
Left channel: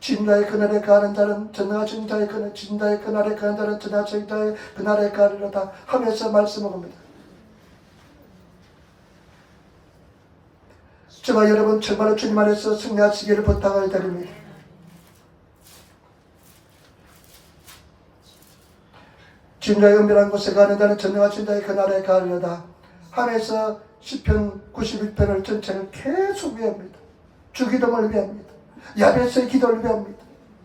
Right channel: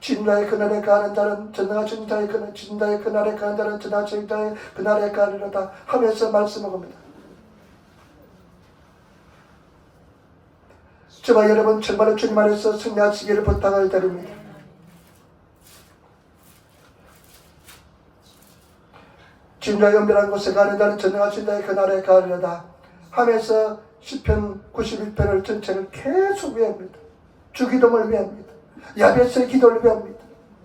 진자의 그날에 가는 자는 전하신 자의 그날, 진자의 그날에 가는 자는 전하신 자의 그날에 가느라다 하면서 말씀을 합니다. 저와 여러분 정말로 주님 안에서 승리하시기를 부탁을 드립니다. 진자의 은밀한 곳에 가는 자는 전하신 자의 그날에 가느라다 하면서 시편 91편을 전체를 계속 외웁니다. 주기도문을 외웁니다. 야베스의 기도를 배웁니다.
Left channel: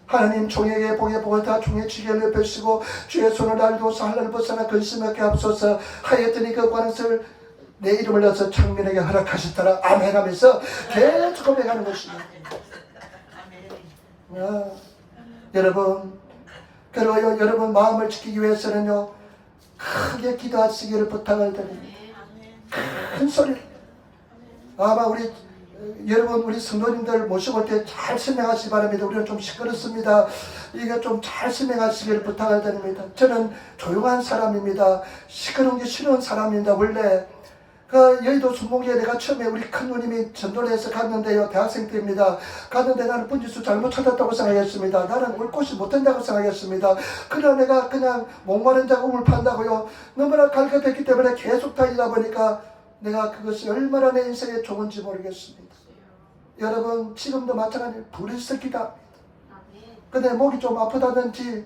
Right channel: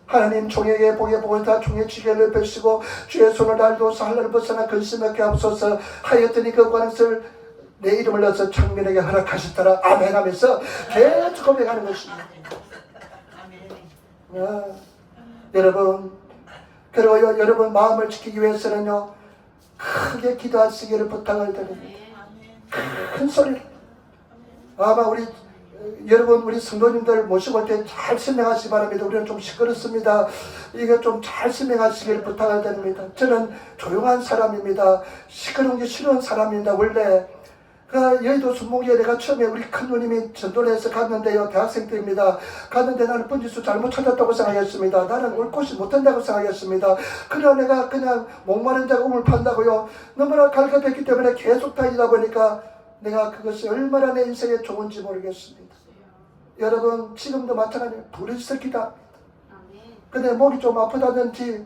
하나님 종에게 복의 복을 다 종의 지게를 펴시고 주의 손을 알도서 하늘을 벗어나 근심하게 앞서서 하였더니 그 관을 내 이름을 넣어서 청민에게 허락하셨더라. 아멘 하면서 계속 고백하는 것입니다. 여러분 그리고 여러분 마음을 지키기 위해서는요 크게 기도하시기를 부탁을 드립니다. 큰 소리로 아마 우리 성도님들 모시고 때 잘 설명하시기 바랍니다. 우리는 좀 시끄럽습니다. 이거 좀 잘 설명하시기를 부탁을 드립니다. 저는 조용한 사람입니다. 시끄러운 게 싫은 사람입니다. 원래 여의도 순복리에 내가 처음에 우리 큰 누님이 전도를 해서 갔는데요. 대학생 때입니다. 갔는데 나는 번지수 잘못 찾았다고 생각했습니다. 나는 올 곳이 못 된다고 생각했습니다. 그러나 내가 그냥 목마른 자가 우물 판다고요. 너무나 갈급했기 때문에 계속 다니다 보니까 내가 그것이 얼마나 내 인생에 좋은지 모르겠습니다. 여러분 지금도 마찬가지로 부르짖어 기도합니다. 근데 목이 좀 아프다든지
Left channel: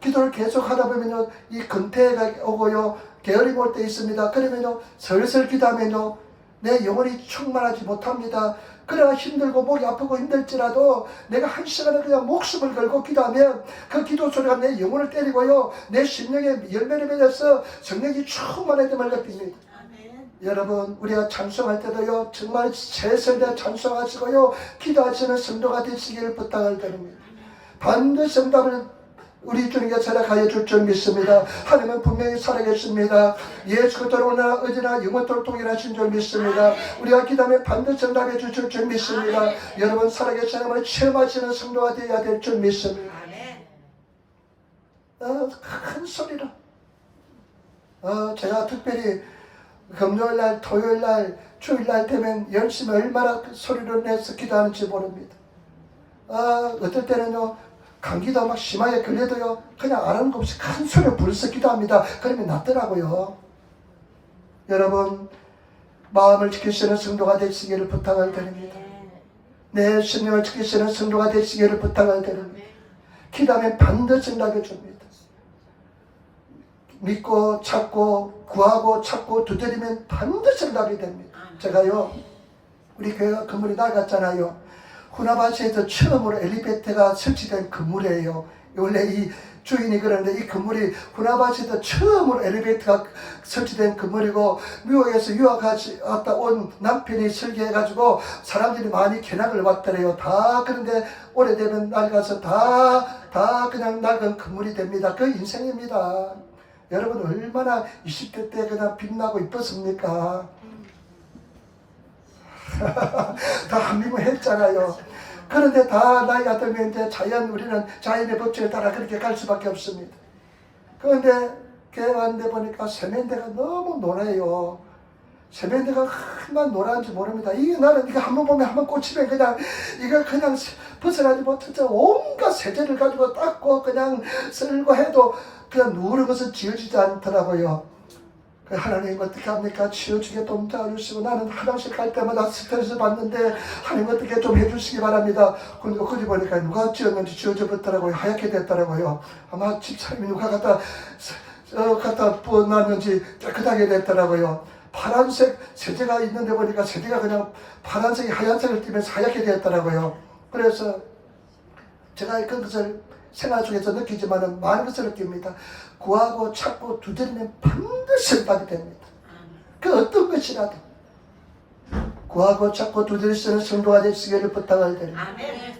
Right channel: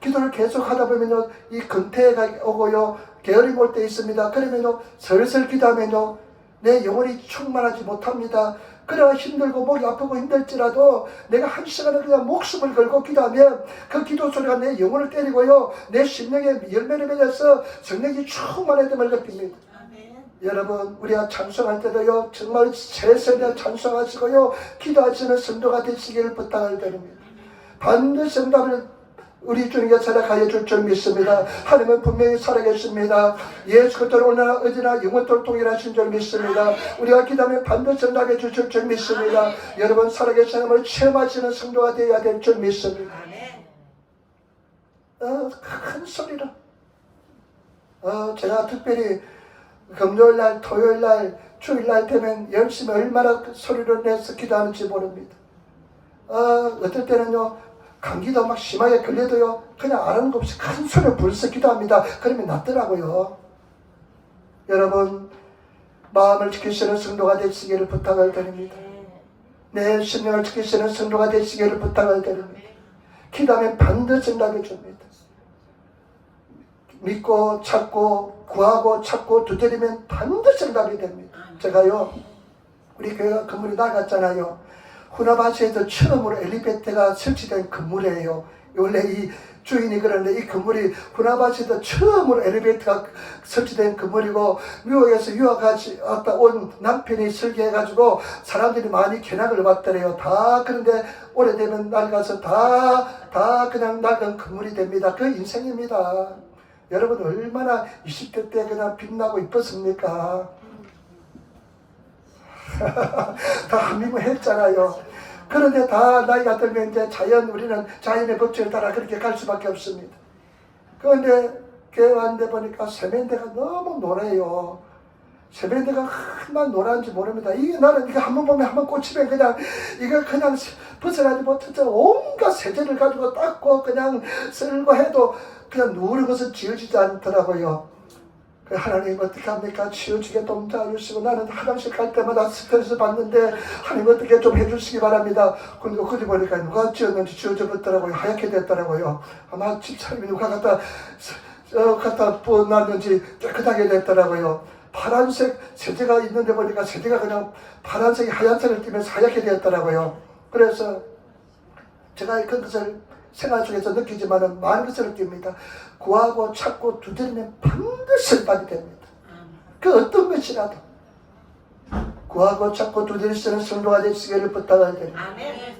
기도를 계속 하다 보면요 이 근태가 오고요 게으름 올 때 있습니다. 그러면요 슬슬 기도하면요 내 영혼이 충만하지 못합니다. 그러나 힘들고 목이 아프고 힘들지라도 내가 한 시간을 그냥 목숨을 걸고 기도하면 그 기도 소리가 내 영혼을 때리고요 내 심령에 열매를 맺어서 성령이 충만해짐을 느낍니다. 여러분 우리가 찬송할 때도요 정말 최선을 찬송하시고요 기도하시는 성도가 되시기를 부탁을 드립니다. 반드시 응답을 우리 주님께 살아가여 줄 줄 믿습니다. 하나님은 분명히 살아계십니다. 예수 그리스도로 오늘 어디나 영원토록 동일하신 줄 믿습니다. 우리가 기도하면 반드시 응답해 주실 줄 믿습니다. 여러분 살아계신 하나님을 체험하시는 성도가 되어야 될 줄 믿습니다. 큰 소리로 제가 특별히 금요일날 토요일날 주일날 되면 열심히 얼마나 소리를 내서 기도하는지 모릅니다. 어떨 때는요 감기도 막 심하게 걸려도요 그냥 아는 것 없이 큰 소리로 불써 기도합니다. 그러면 낫더라고요. 여러분 마음을 지키시는 성도가 되시기를 부탁을 드립니다. 내 심령을 지키시는 성도가 되시기를 부탁을 드립니다. 기도하면 반드시 응답해 줍니다. 믿고 찾고 구하고 찾고 두드리면 반드시 응답이 됩니다. 제가요 우리 교회가 건물이 낡았잖아요. 후나바시에서 처음으로 엘리베이터가 설치된 건물이에요. 원래 이 주인이 그러는데 이 건물이 후나바시에서 처음으로 엘리베이터가 설치된 건물이고 미국에서 유학갔다 온 남편이 설계해가지고 사람들이 많이 견학을 왔더래요. 다 그런데 오래되면 낡아서 다 그냥 낡은 건물이 됩니다. 그 인생입니다. 여러분 얼마나 20대 때 그냥 빛나고 이뻤습니까? 다 한미국 했잖아요. 그런데 다 나이가 들면 이제 우리는 자연의 법칙에 따라 그렇게 갈 수밖에 없습니다. 그런데 교회 왔는데 보니까 세면대가 너무 노래요. 세면대가 얼마나 노란지 모릅니다. 이게 나는 이거 한번 보면 한번 꽂히면 그냥 이걸 그냥 벗어나지 못해서 온갖 세제를 가지고 닦고 그냥 쓸고 해도 그냥 누르는 것은 지어지지 않더라고요. 하나님 어떻게 합니까? 치워주게 도와주시고 나는 화장실 갈 때마다 스트레스 받는데 하나님 어떻게 좀 해주시기 바랍니다. 그런데 거기 보니까 누가 지었는지 지워져 버렸더라고요. 하얗게 됐더라고요. 아마 집사람이 누가 갖다 부어놨는지 깨끗하게 됐더라고요. 파란색 세제가 있는데 보니까 세제가 그냥 파란색이 하얀색을 띠면서 하얗게 됐더라고요. 그래서 제가 그것을 생활 속에서 느끼지만은 많은 것을 느낍니다. 구하고 찾고 두드리면 반드시 응답이 됩니다. 그 어떤 것이라도 구하고 찾고 두드릴 수 있는 성도가 되시기를 부탁을 드립니다.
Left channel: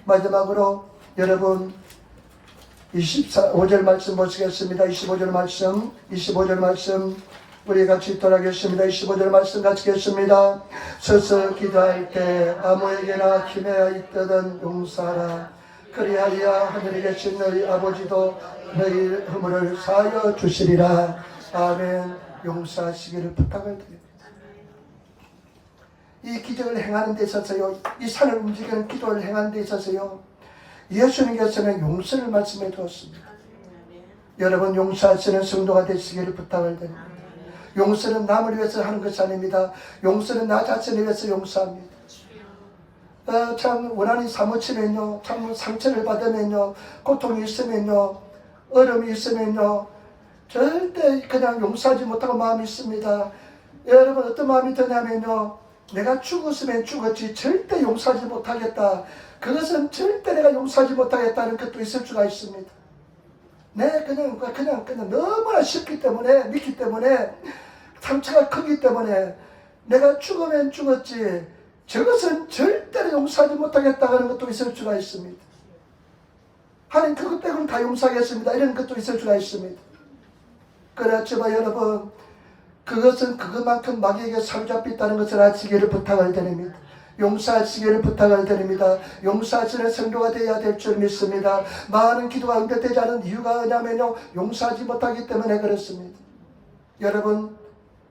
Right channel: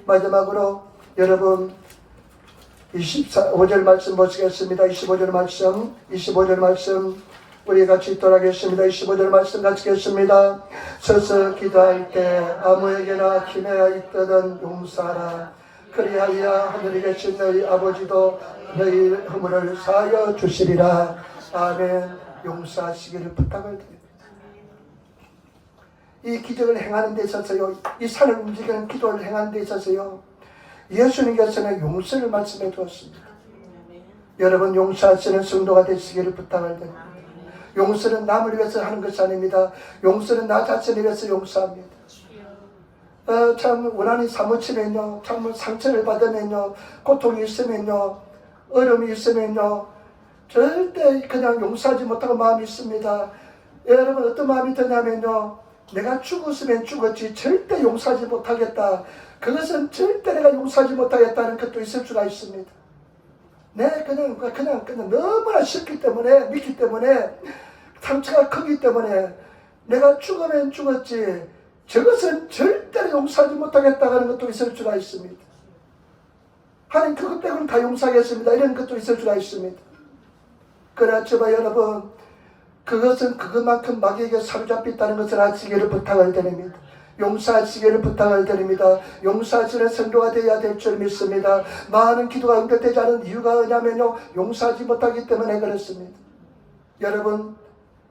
마지막으로 여러분 25절 말씀 보시겠습니다. 25절 말씀 우리 같이 읽도록하겠습니다. 25절 말씀 같이 읽겠습니다. 서서 기도할 때 아무에게나 기회가 있거든 용서하라. 그리하여 하늘에 계신 너희 아버지도 너희 허물을 사하여 주시리라. 아멘. 용서하시기를 부탁을 드립니다. 이 기적을 행하는 데 있어서요, 이 산을 움직이는 기도를 행하는 데 있어서요, 예수님께서는 용서를 말씀해 주었습니다. 여러분 용서하시는 성도가 되시기를 부탁을 드립니다. 용서는 남을 위해서 하는 것이 아닙니다. 용서는 나 자신을 위해서 용서합니다. 참 원한이 사무치면요, 참 상처를 받으면요, 고통이 있으면요, 어려움이 있으면요, 절대 그냥 용서하지 못하고 마음이 있습니다. 여러분 어떤 마음이 드냐면요, 내가 죽었으면 죽었지 절대 용서하지 못하겠다. 그것은 절대 내가 용서하지 못하겠다는 것도 있을 수가 있습니다. 네, 그냥 너무나 쉽기 때문에, 믿기 때문에, 상처가 크기 때문에 내가 죽으면 죽었지 저것은 절대로 용서하지 못하겠다는 것도 있을 수가 있습니다. 하나님 그것 빼고는 다 용서하겠습니다. 이런 것도 있을 수가 있습니다. 그렇지만 여러분 그것은 그것만큼 마귀에게 사로잡혔다는 것을 아시기를 부탁을 드립니다. 용서하시기를 부탁을 드립니다. 용서하시는 성도가 되어야 될 줄 믿습니다. 많은 기도가 응답되지 않은 이유가 뭐냐면요, 용서하지 못하기 때문에 그렇습니다.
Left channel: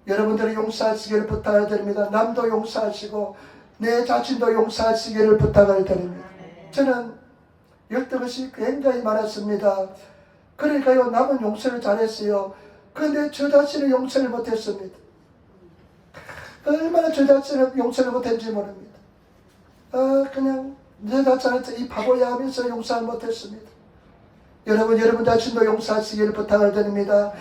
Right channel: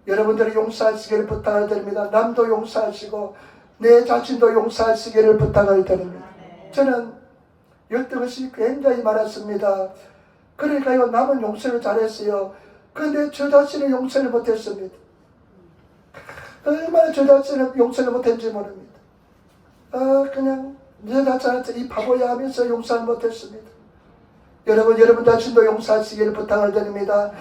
여러분들이 용서하시기를 부탁을 드립니다. 남도 용서하시고 내 자신도 용서하시기를 부탁을 드립니다. 저는 열등것이 굉장히 많았습니다. 그러니까요, 남은 용서를 잘했어요. 그런데 저 자신을 용서를 못했습니다. 얼마나 저 자신을 용서를 못했는지 모릅니다. 그냥 내 자신한테 이 바보야 하면서 용서를 못했습니다. 여러분 자신도 용서하시기를 부탁을 드립니다.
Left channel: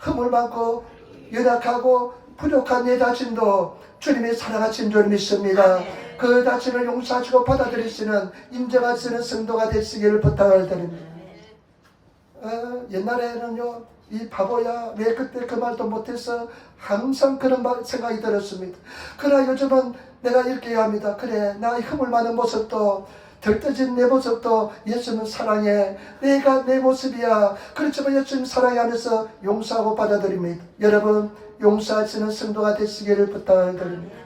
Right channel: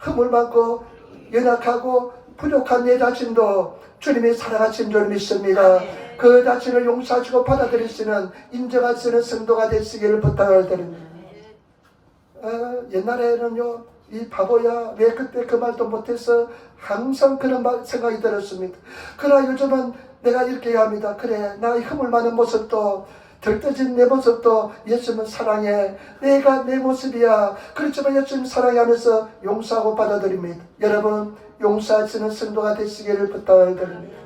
흠을 많고 연약하고 부족한 내 자신도 주님이 사랑하신 줄 믿습니다. 그 자신을 용서하시고 받아들이시는 인정하시는 성도가 되시기를 부탁을 드립니다. 옛날에는요, 이 바보야, 왜 그때 그 말도 못해서 항상 그런 생각이 들었습니다. 그러나 요즘은 내가 이렇게 합니다. 그래, 나 흐물 많은 모습도, 들떠진 내 모습도 예수님 사랑해. 내가 내 모습이야. 그렇지만 예수님 사랑해 하면서 용서하고 받아들입니다. 여러분, 용서하시는 성도가 되시기를 부탁드립니다.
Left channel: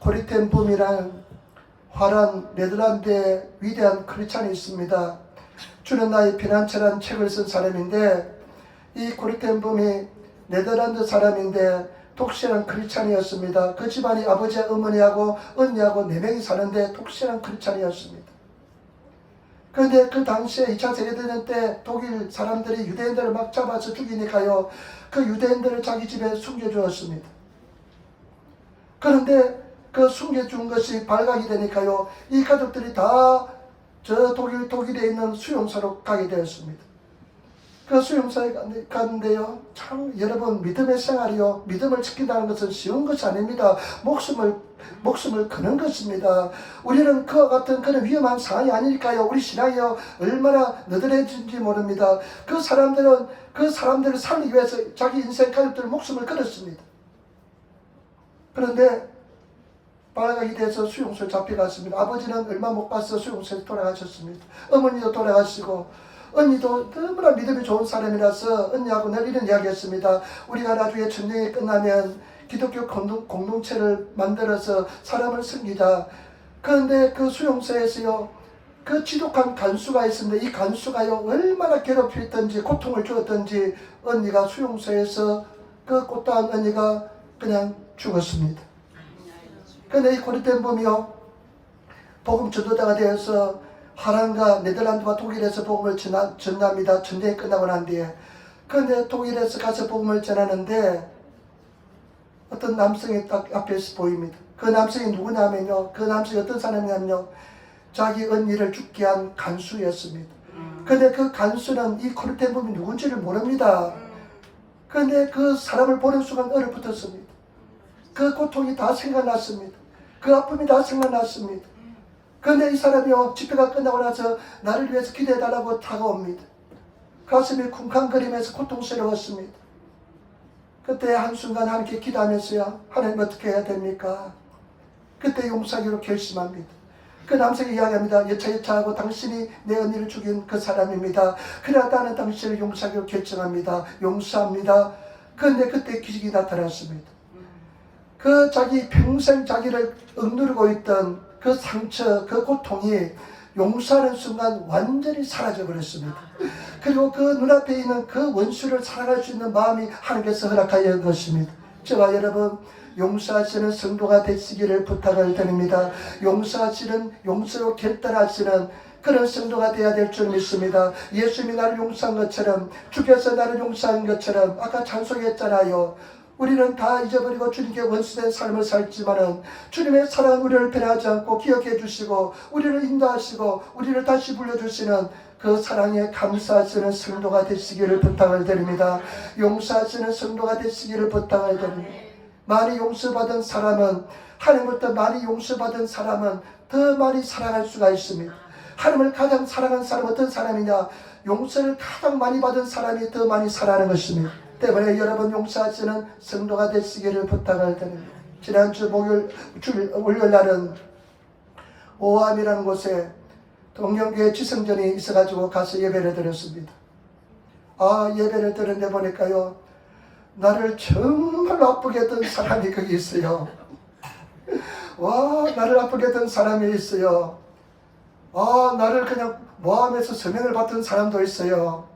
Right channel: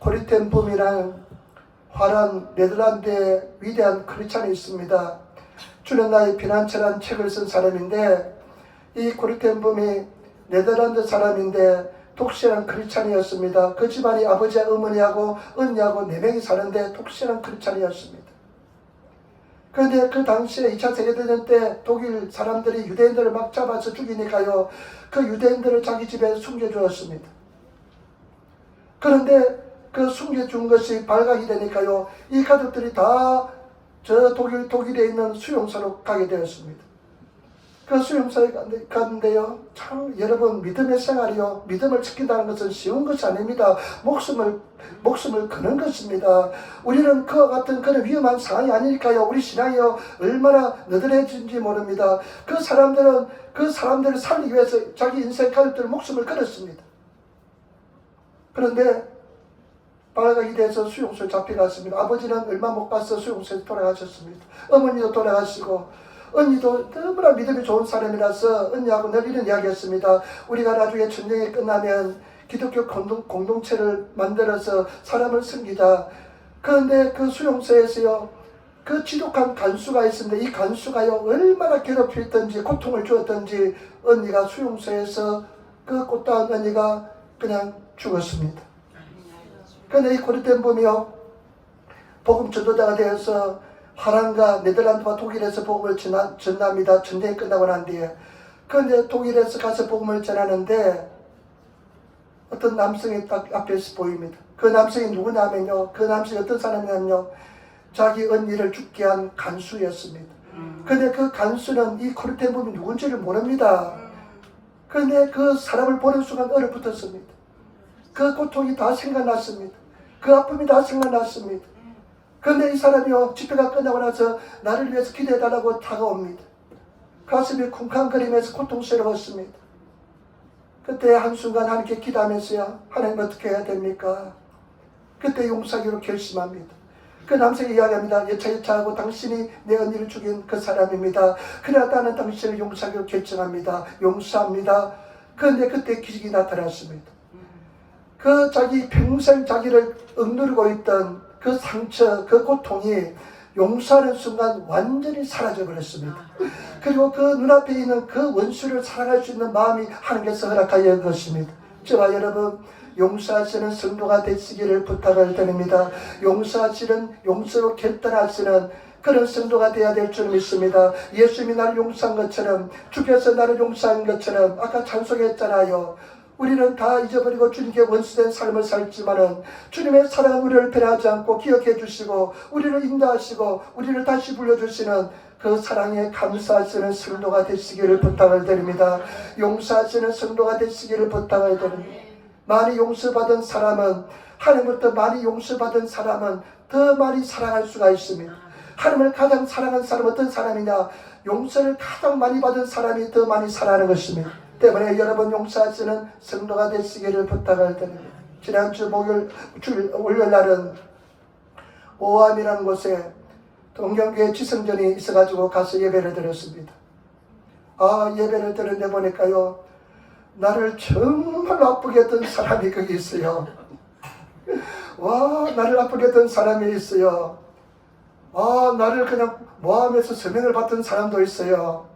코리텐 붐이란 화란 네덜란드의 위대한 크리스찬이 있습니다. 주는 나의 피난처란 책을 쓴 사람인데, 이 코리텐 붐이 네덜란드 사람인데 독실한 크리스찬이었습니다. 그 집안이 아버지와 어머니하고 언니하고 4명이 사는데 독실한 크리스찬이었습니다. 그런데 그 당시에 2차 세계대전 때 독일 사람들이 유대인들을 막 잡아서 죽이니까요, 그 유대인들을 자기 집에 숨겨주었습니다. 그런데 그 숨겨준 것이 발각이 되니까요, 이 가족들이 다 저 독일에 있는 수용소로 가게 되었습니다. 그 수용소에 갔는데요, 참 여러분, 믿음의 생활이요, 믿음을 지킨다는 것은 쉬운 것이 아닙니다. 목숨을 거는 것입니다. 우리는 그와 같은 그런 위험한 상황이 아닐까요? 우리 신앙이요, 얼마나 너덜해진지 모릅니다. 그 사람들을 살리기 위해서 자기 인생 가족들 목숨을 걸었습니다. 그런데 발각이 돼서 수용소에 잡혀갔습니다. 아버지는 얼마 못 가서 수용소에 돌아가셨습니다. 어머니도 돌아가시고, 언니도 너무나 믿음이 좋은 사람이라서 언니하고 늘 이런 이야기 했습니다. 우리가 나중에 전쟁이 끝나면 기독교 공동체를 만들어서 사람을 섬기자. 그런데 그 수용소에서요, 그 지독한 간수가 있었는데, 이 간수가요, 얼마나 괴롭혔던지 고통을 주었던지 언니가 수용소에서 그 꽃다운 언니가 그냥 죽었습니다. 그런데 이 코리텐 붐이요, 복음 전도자가 되어서 화랑과 네덜란드와 독일에서 복음을 전합니다. 전쟁이 끝나고 난 뒤에. 그런데 독일에서 가서 복음을 전하는데 어떤 남성이 딱 앞에서 보입니다. 그 남성이 누구냐면요, 그 남성이 어떤 사람이냐면요, 자기 언니를 죽게 한 간수였습니다. 그런데 그 간수는 이 코리텐 붐이 누군지를 모릅니다. 그런데 그 사람을 보는 순간 얼어붙었습니다. 그 고통이 다 생각났습니다. 그 아픔이 다 생각났습니다. 그런데 이 사람이요, 집회가 끝나고 나서 나를 위해서 기도해달라고 다가옵니다. 가슴이 쿵쾅거리면서 고통스러웠습니다. 그때 한순간 하나님께 기도하면서요, 하나님 어떻게 해야 됩니까? 그때 용서하기로 결심합니다. 그 남성이 이야기합니다. 여차하고 당신이 내 언니를 죽인 그 사람입니다. 그래야 나는 당신을 용서하기로 결정합니다. 용서합니다. 그런데 그때 기적이 나타났습니다. 그 자기 평생 자기를 억누르고 있던 그 상처, 그 고통이 용서하는 순간 완전히 사라져 버렸습니다. 그리고 그 눈앞에 있는 그 원수를 사랑할 수 있는 마음이 하나님께서 허락하여 것입니다. 저와 여러분, 용서하시는 성도가 되시기를 부탁을 드립니다. 용서로 결단하시는 그런 성도가 되어야 될 줄 믿습니다. 예수님이 나를 용서한 것처럼, 주께서 나를 용서한 것처럼, 아까 찬송했잖아요. 우리는 다 잊어버리고 주님께 원수된 삶을 살지만은 주님의 사랑 우리를 변하지 않고 기억해 주시고 우리를 인도하시고 우리를 다시 불러주시는 그 사랑에 감사하시는 성도가 되시기를 부탁을 드립니다. 용서하시는 성도가 되시기를 부탁을 드립니다. 많이 용서받은 사람은, 하나님부터 많이 용서받은 사람은 더 많이 사랑할 수가 있습니다. 하나님을 가장 사랑하는 사람은 어떤 사람이냐? 용서를 가장 많이 받은 사람이 더 많이 사랑하는 것입니다. 때문에 여러분, 용서하시는 성도가 되시기를 부탁을 드립니다. 지난주 월요일 날은 오함이라는 곳에 동경교회 지성전이 있어가지고 가서 예배를 드렸습니다. 예배를 드렸는데 보니까요, 나를 정말 아프게 했던 사람이 거기 있어요. 나를 아프게 했던 사람이 있어요. 나를 그냥 모함해서 서명을 받던 사람도 있어요.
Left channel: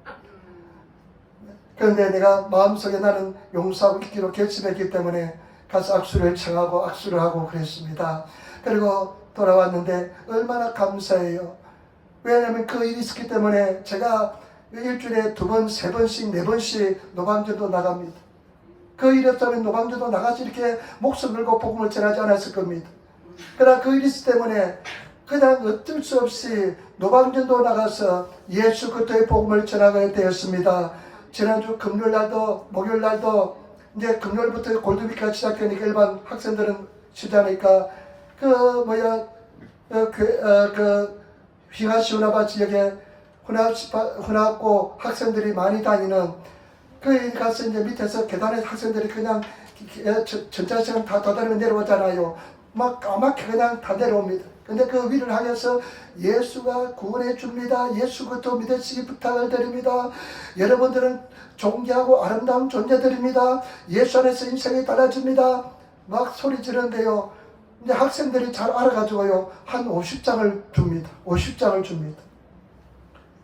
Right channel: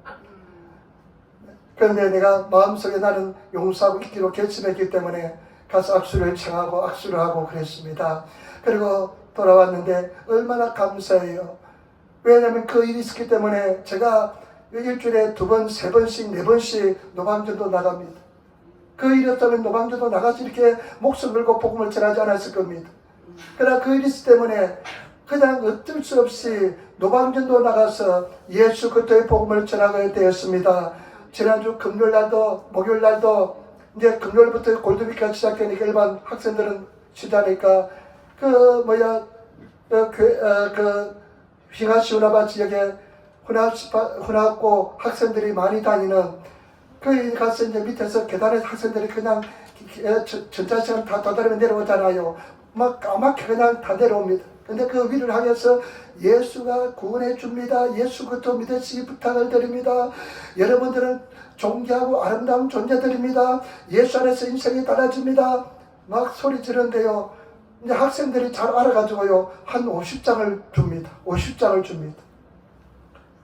그런데 내가 마음속에 나는 용서하고 있기로 결심했기 때문에 가서 악수를 청하고 악수를 하고 그랬습니다. 그리고 돌아왔는데 얼마나 감사해요. 왜냐하면 그 일이 있었기 때문에 제가 일주일에 2번, 3번씩, 4번씩 노방전도 나갑니다. 그 일 없다면 노방전도 나가서 이렇게 목숨 걸고 복음을 전하지 않았을 겁니다. 그러나 그 일이 있기 때문에 그냥 어쩔 수 없이 노방전도 나가서 예수 그리스도의 복음을 전하게 되었습니다. 지난주 금요일날도 목요일날도 이제 금요일부터 골드위크가 시작되니까 일반 학생들은 쉬자니까 휘가시오나바 지역에 흔하고 학생들이 많이 다니는 거기 가서 이제 밑에서 계단에 학생들이 그냥 전자시간 다 도달하면 내려오잖아요. 막 까맣게 그냥 다 내려옵니다. 근데 그 위를 향해서 예수가 구원해 줍니다. 예수 그리스도 믿으시기 부탁을 드립니다. 여러분들은 존귀하고 아름다운 존재들입니다. 예수 안에서 인생이 달라집니다. 막 소리 지르는데요. 이제 학생들이 잘 알아가지고요. 한 50장을 줍니다. 50장을 줍니다.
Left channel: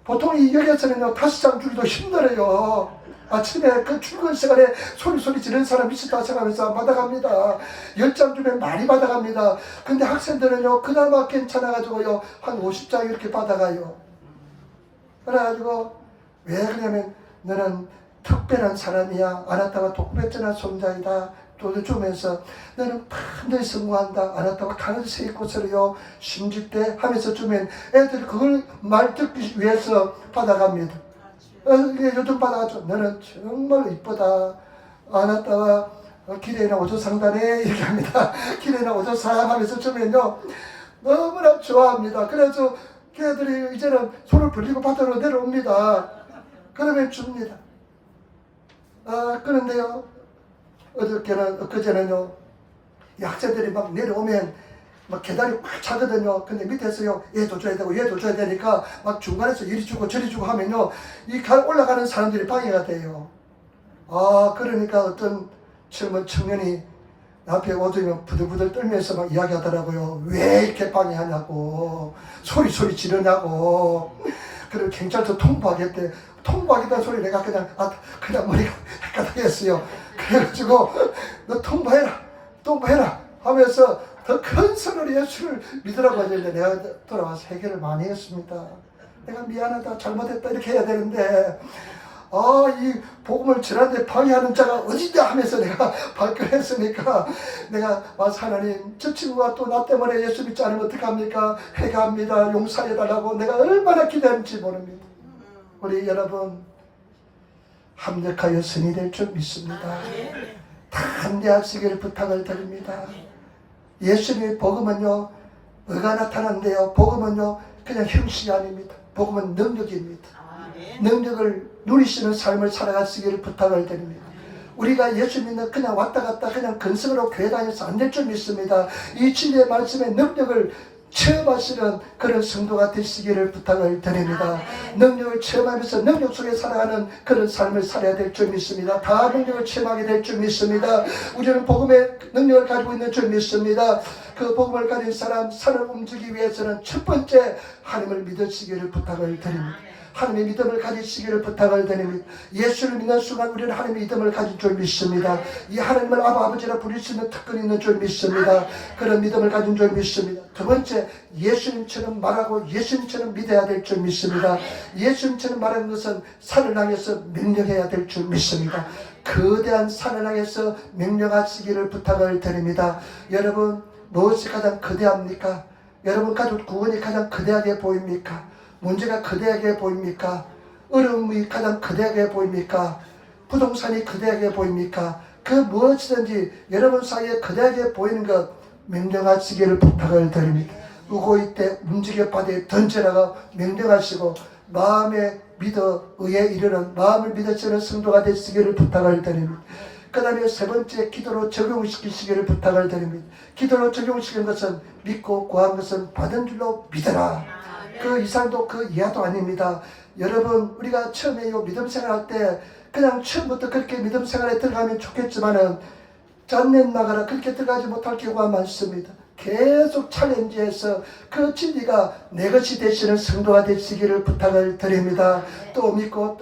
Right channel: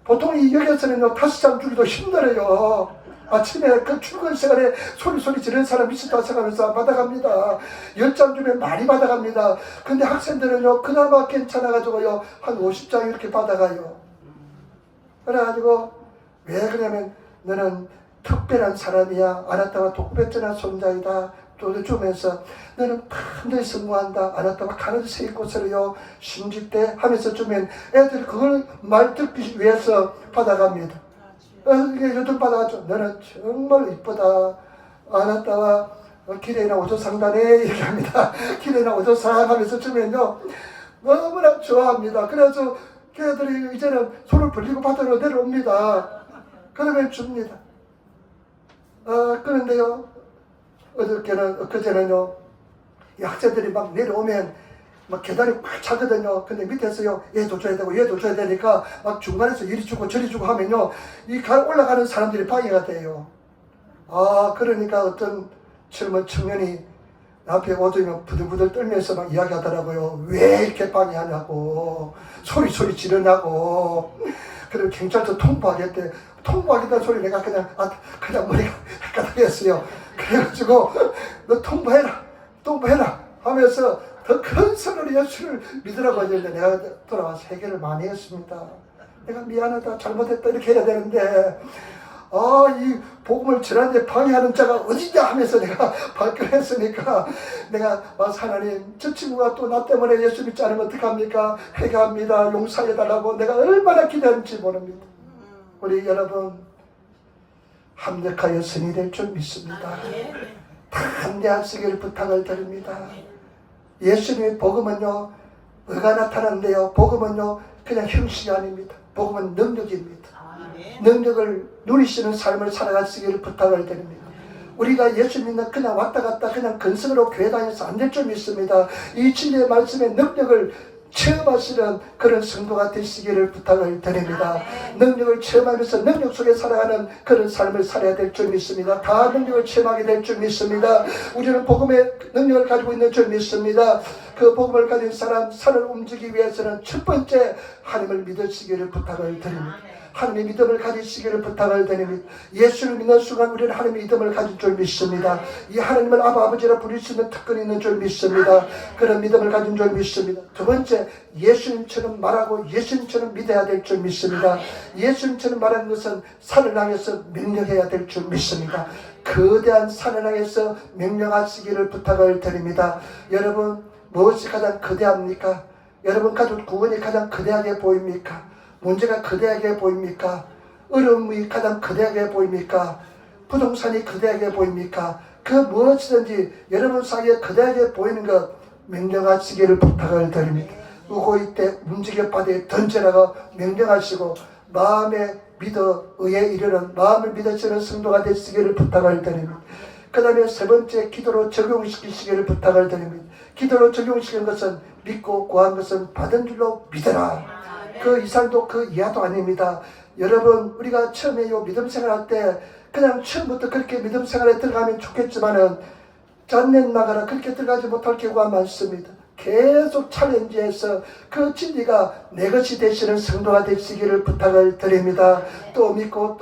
보통 이 역에서는요, 5장 주기도 힘들어요. 아침에 그 출근 시간에 소리 지르는 사람이 있었다 생각하면서 받아갑니다. 10장 주면 많이 받아갑니다. 근데 학생들은요, 그나마 괜찮아가지고요, 한 50장 이렇게 받아가요. 그래가지고, 왜 그러냐면, 너는 특별한 사람이야. 아나타와 독백전한 손자이다. 또 주면서, 너는 반드시 성공한다. 아나타와 강을 세 곳으로요, 심직대 하면서 주면, 애들이 그걸 말 듣기 위해서 받아갑니다. 요즘 받아가지고 너는 정말 이쁘다. 아나타와 기레나 오조상단에 이렇게 합니다. 기레나 오조상 하면서 주면요, 너무나 좋아합니다. 그래서 걔들이 이제는 손을 벌리고 바다로 내려옵니다. 그러면 줍니다. 그런데요, 엊그제는요, 이 학생들이 막 내려오면 막 계단이 꽉 차거든요. 근데 밑에서요, 얘도 줘야 되고 얘도 줘야 되니까 막 중간에서 이리 주고 저리 주고 하면요, 이 올라가는 사람들이 방해가 돼요. 그러니까 어떤 젊은 청년이 앞에 오더니 부들부들 떨면서 막 이야기하더라고요. 왜 이렇게 방해하냐고, 소리 지르냐고. 그리고 경찰서 통보하겠대. 통보하겠다는 소리 내가 그냥 머리가 헷갈리겠어요. 그래가지고 너 통보해라 하면서 더 큰 선으로 예수를 믿으라고 하는데, 내가 돌아와서 해결을 많이 했습니다. 내가 미안하다, 잘못했다 이렇게 해야 되는데, 이 복음을 전하는데 방해하는 자가 어디냐 하면서 내가 발끈했으니까, 내가 와서 하나님, 저 친구가 또 나 때문에 예수 믿지 않으면 어떡합니까? 회개합니다, 용서해달라고 내가 얼마나 기대하는지 모릅니다. 우리 여러분, 합력하여 선이 될 줄 믿습니다. 담대하시기를 부탁을 드립니다. 예수님의 복음은요, 의가 나타나는데요, 복음은요, 그냥 형식이 아닙니다. 복음은 능력입니다. 능력을 누리시는 삶을 살아가시기를 부탁을 드립니다. 우리가 예수님은 그냥 왔다 갔다 그냥 근성으로 교회 다녀서 안 될 줄 믿습니다. 이 진리의 말씀의 능력을 체험하시는 그런 성도가 되시기를 부탁을 드립니다. 능력을 체험하면서 능력 속에 살아가는 그런 삶을 살아야 될 줄 믿습니다. 다 능력을 체험하게 될 줄 믿습니다. 우리는 복음의 능력을 가지고 있는 줄 믿습니다. 그 복음을 가진 사람, 산을 움직이기 위해서는 첫 번째 하나님을 믿으시기를 부탁을 드립니다. 하나님의 믿음을 가지시기를 부탁을 드립니다. 예수를 믿는 순간 우리는 하나님의 믿음을 가진 줄 믿습니다. 이 하나님을 아버지라 부릴 수 있는 특권이 있는 줄 믿습니다. 그런 믿음을 가진 줄 믿습니다. 두 번째, 예수님처럼 말하고 예수님처럼 믿어야 될 줄 믿습니다. 예수님처럼 말하는 것은 산을 향해서 명령해야 될 줄 믿습니다. 거대한 산을 향해서 명령하시기를 부탁을 드립니다. 여러분, 무엇이 가장 거대합니까? 여러분 가족 구원이 가장 거대하게 보입니까? 문제가 거대하게 보입니까? 어려움이 가장 거대하게 보입니까? 부동산이 거대하게 보입니까? 그 무엇이든지 여러분 사이에 거대하게 보이는 것 명령하시기를 부탁을 드립니다. 우고이 때 움직여 바다에 던져라고 명령하시고, 마음에 믿어 의에 이르는 마음을 믿으시는 성도가 되시기를 부탁을 드립니다. 그 다음에 세 번째, 기도로 적용시키시기를 부탁을 드립니다. 기도로 적용시키는 것은 믿고 구한 것은 받은 줄로 믿어라. 그 이상도 그 이하도 아닙니다. 여러분, 우리가 처음에 믿음 생활할 때 그냥 처음부터 그렇게 믿음 생활에 들어가면 좋겠지만은 짠내 나가라 그렇게 들어가지 못할 경우가 많습니다. 계속 챌린지해서 그 진리가 내 것이 되시는 성도가 되시기를 부탁을 드립니다. 또 믿고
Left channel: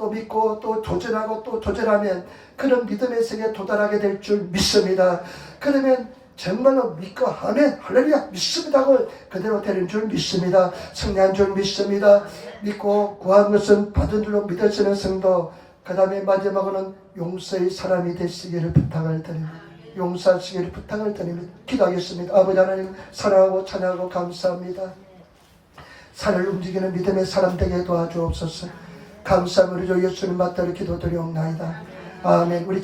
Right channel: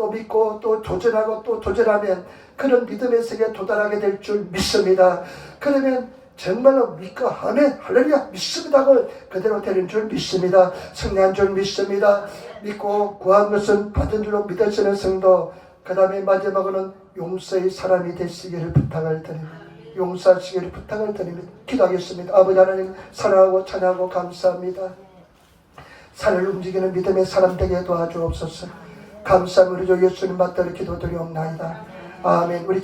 또 도전하고 또 도전하면 그런 믿음의 세계에 도달하게 될 줄 믿습니다. 그러면 정말로 믿고 하면 할렐루야 믿습니다고 그대로 되는 줄 믿습니다. 승리한 줄 믿습니다. 믿고 구한 것은 받은 줄로 믿으시는 성도, 그 다음에 마지막으로는 용서의 사람이 되시기를 부탁을 드립니다. 용서하시기를 부탁을 드립니다. 기도하겠습니다. 아버지 하나님, 사랑하고 찬양하고 감사합니다. 산을 움직이는 믿음의 사람 되게 도와주옵소서. 감사함으로 예수님 맞들어 기도드리옵나이다. 아멘. 우리